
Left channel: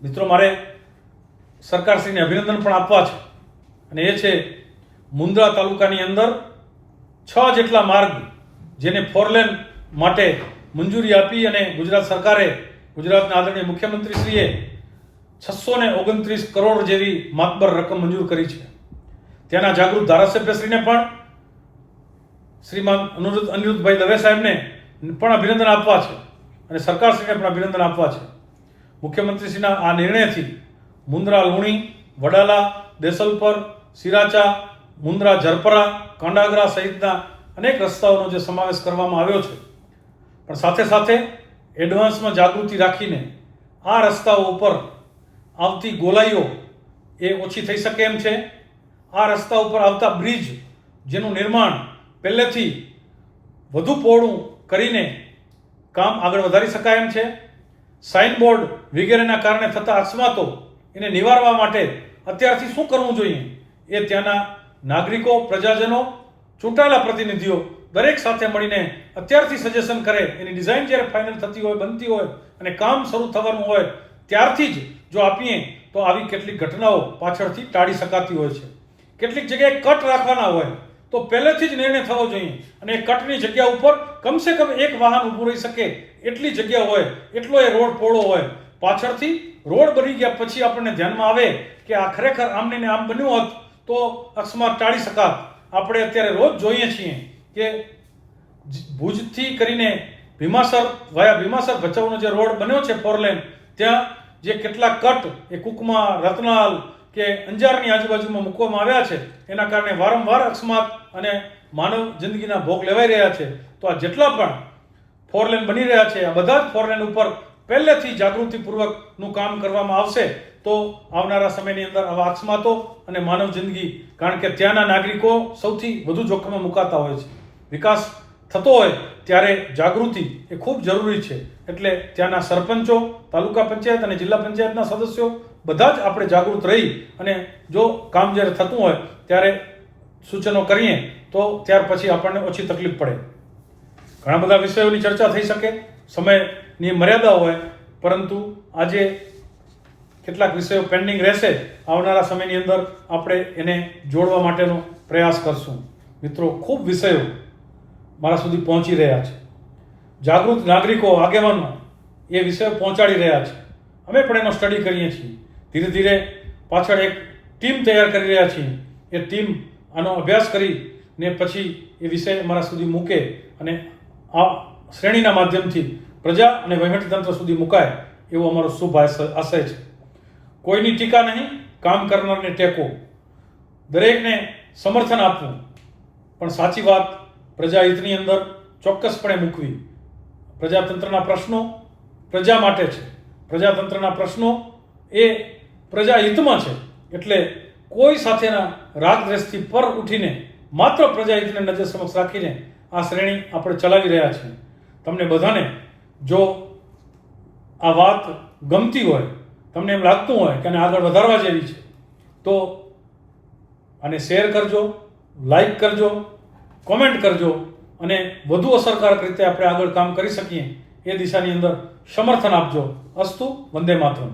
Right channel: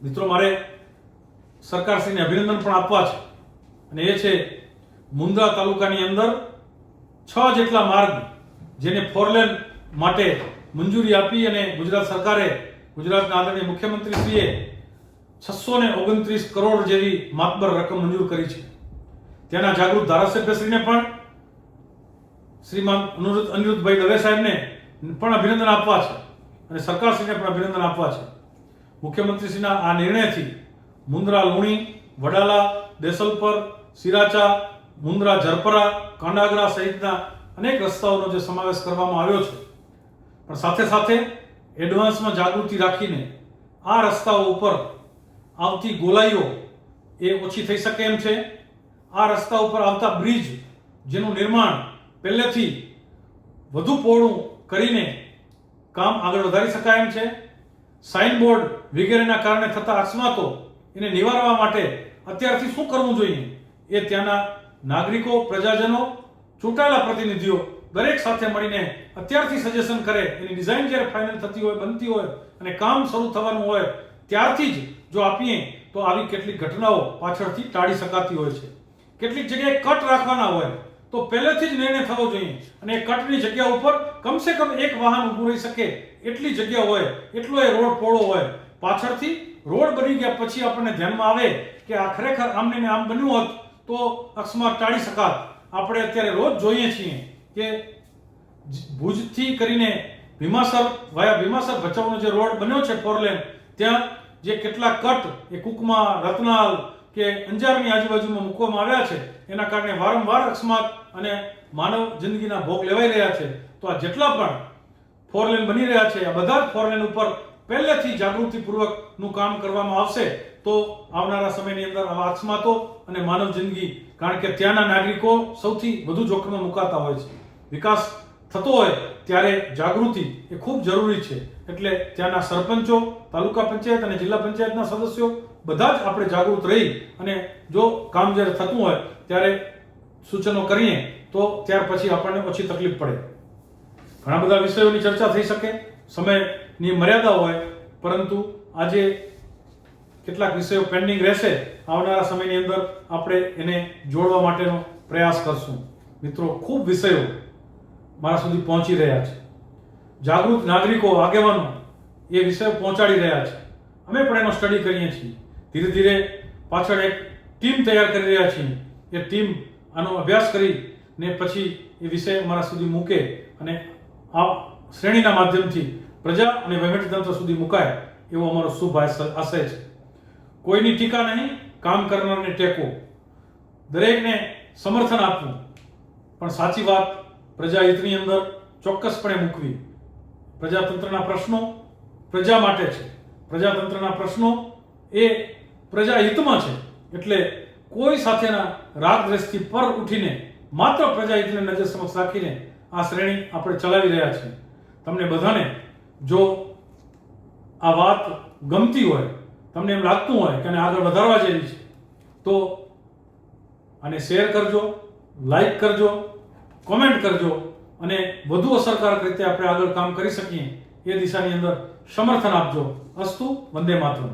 મિત્રો, મારે સરકારશ્રીને અભિનંદન પણ આપવા છે અને એ છે મુન્દ્રા તાલુકાની અંદર 6 જેટલા માર્ગ જેને 4 લેન માટે મંજૂરી આપી અને ગુજરાત સરકારે, ગુજરાતના આદરણીય મુખ્યમંત્રીશ્રીએ 629 કરોડ જેવી માતબર રકમ મંજૂર કરી છે. ત્યાંના જાગૃત ધારાસભ્યશ્રીને પણ શ્રીમાન અનિરુદ્ધભાઈ દવે સાહેબને પણ અભિનંદન આપવા છે અને સરકારશ્રીને પણ અભિનંદન આપવા છે. મુખ્યમંત્રીશ્રીના આ નિર્ણયથી મુન્દ્રા લુણી, વડાલા, દેસલપર, સિરાચા, મુન્દ્રા ઝરપરા, કાંડાગરા સહિતના અનેક રસ્તાઓનો જે સમાવેશ કરવામાં આવ્યો છે, પણ સાથે સાથે એડવાન્સમાં જાગૃતિ રાખીને આ રસ્તાઓ ઉપર આવતી ગોલાઈઓ એ ઓછી થઈ શકે એમ છે. આ રસ્તા ઉપર આવતા બ્રિજ જેનું નિર્માણ પહેલેથી વધુ પહોળું કરીને કામ આગળ વધારી શકાય એમ છે. સાઇનબોર્ડ વગેરેના કારણે થતા અકસ્માતો એને નિવારવા માટે અત્યારથી શું કરવું જોઈએ એ ત્યાંના નાગરિકો, પ્રજાજનો, ચૂંટાયેલા પ્રતિનિધિઓ દરેક સાથે મળીને અત્યારથી સજેશન કરે. એની ડિઝાઇન જ્યારે ફાઇનલ થતી હોય, બનતી હોય અને કામ શરૂ થવાનું હોય ત્યારથી જ જો આપીએ તો આવી કેટલીક ઘટનાઓ પાછળથી ટાળી શકાતી હોય છે. કેટલીક જગ્યાએ કટ રાખવાના હોય તો પહેલેથી જ નિર્ણય થવો જોઈએ અને એ કટની જગ્યા ઉપર કમસે કમ એક વાહન ઊભું રહી શકે એટલી જગ્યા હોય, એટલો એ રોડ પહોળો હોય. પાછળથી રોડ બની ગયા પછી આપણને ધ્યાનમાં આવે કે આ ખરેખર આમને ને આમ બન્યું હોત તો અકસ્માત ટાળી શકાત. આપણે અત્યારે રોજ જોઈએ છીએ કે ભુજથી કરીને ભીમાસર વાયા ભીમાસર ભચાઉનો જે રોડ બન્યો છે 4 લેન, ત્યાં જે કેટલા કટ એ કુકમા, રતનાલ કે અંજારની આજુબાજુમાં મૂકવામાં આવ્યા છે એના કારણે વારંવાર અકસ્માત અને માનવ જિંદગીના ભોગ લેવાઈ રહ્યા છે. તો આ જેટલા પણ 4 લેન બની રહ્યા છે આ બધા જ 4 લેન ઉપર પહેલેથી જાગૃતિપૂર્વકનું કામ કરવામાં આવશે તો આવનારા સમયની અંદર આવા અકસ્માતો અને માનવ જિંદગી, કારણ કે ત્યાંના નાગરિકો સૌથી વધુ જોખમમાં મુકાતા હોય છે. વિકાસ થતો હોય ત્યારે જાગૃતિ એ ખૂબ જરૂરી છે. એટલે ત્યાંના સરપંચો, તાલુકા પંચાયત અને જિલ્લા પંચાયતના સદસ્યો બધા જ આપણે જાગૃત રહી અને જો કામ જ્યારે થતું હોય ત્યારે સૂચનો કરીએ તો ત્યાર પછી આપણને ઓછી તકલીફ પડે. ઘણા બધા વિષયોની ચર્ચા થઈ શકે, સમયની મર્યાદા હોય, પરંતુ આજે કેટલાક વિષયો પેન્ડિંગ રહેશે. આવનારા સમયની અંદર આપણે એને જોડવા માટેનો પ્રયાસ કરશું. મિત્રો, ખૂબ વિષયો મારા સુધી પહોંચી રહ્યા છે. જાગૃત નાગરિકો, આગેવાનો એ વિષયો પહોંચાડી રહ્યા છે. અમે પણ એનો સ્ટડી કરીએ છીએ. ધીરે ધીરે પાછળ એક ટીમ તૈયાર કરી રહ્યા છીએ. એ ટીમ આનો અભ્યાસ કરીને પછી એ વિષય અમારા સુધી મૂકે અને આ શ્રેણીના માધ્યમથી પ્રજા અને વહીવટીતંત્ર સુધી મુકાય એવો અમારો શુભ આશય છે. કોઈની ટીકા નહીં, કામ કરનારને ટેકો, દરેકને સમર્થન આપવું, પણ સાચી વાત પ્રજાહિતની અંદર ચોક્કસપણે મૂકવી. પ્રજાતંત્રના પ્રશ્નો પ્રજા માટે છે. પ્રજાતંત્રના પ્રશ્નો એ પ્રજાહિતમાં છે. એટલે કોઈ સાથેના રાગદ્વેષથી પર ઉઠીને માત્ર પ્રજાહિતને નજર સમક્ષ રાખીને આ શ્રેણી આપણે ચલાવી રહ્યા છીએ. તમને બધાને જો આ વાત ગમતી હોય, તમને એમ લાગતું હોય કે આને આગળ વધારવા જેવી છે, તો આને શેર કરજો, લાઈક કરજો, કોમેન્ટ કરજો અને વધુ અસરકારક રીતે આપણે આગળ કામ કરી શકીએ એ દિશાની અંદર સમર્થન આપજો. અસ્તુ. વંદે માતરમ.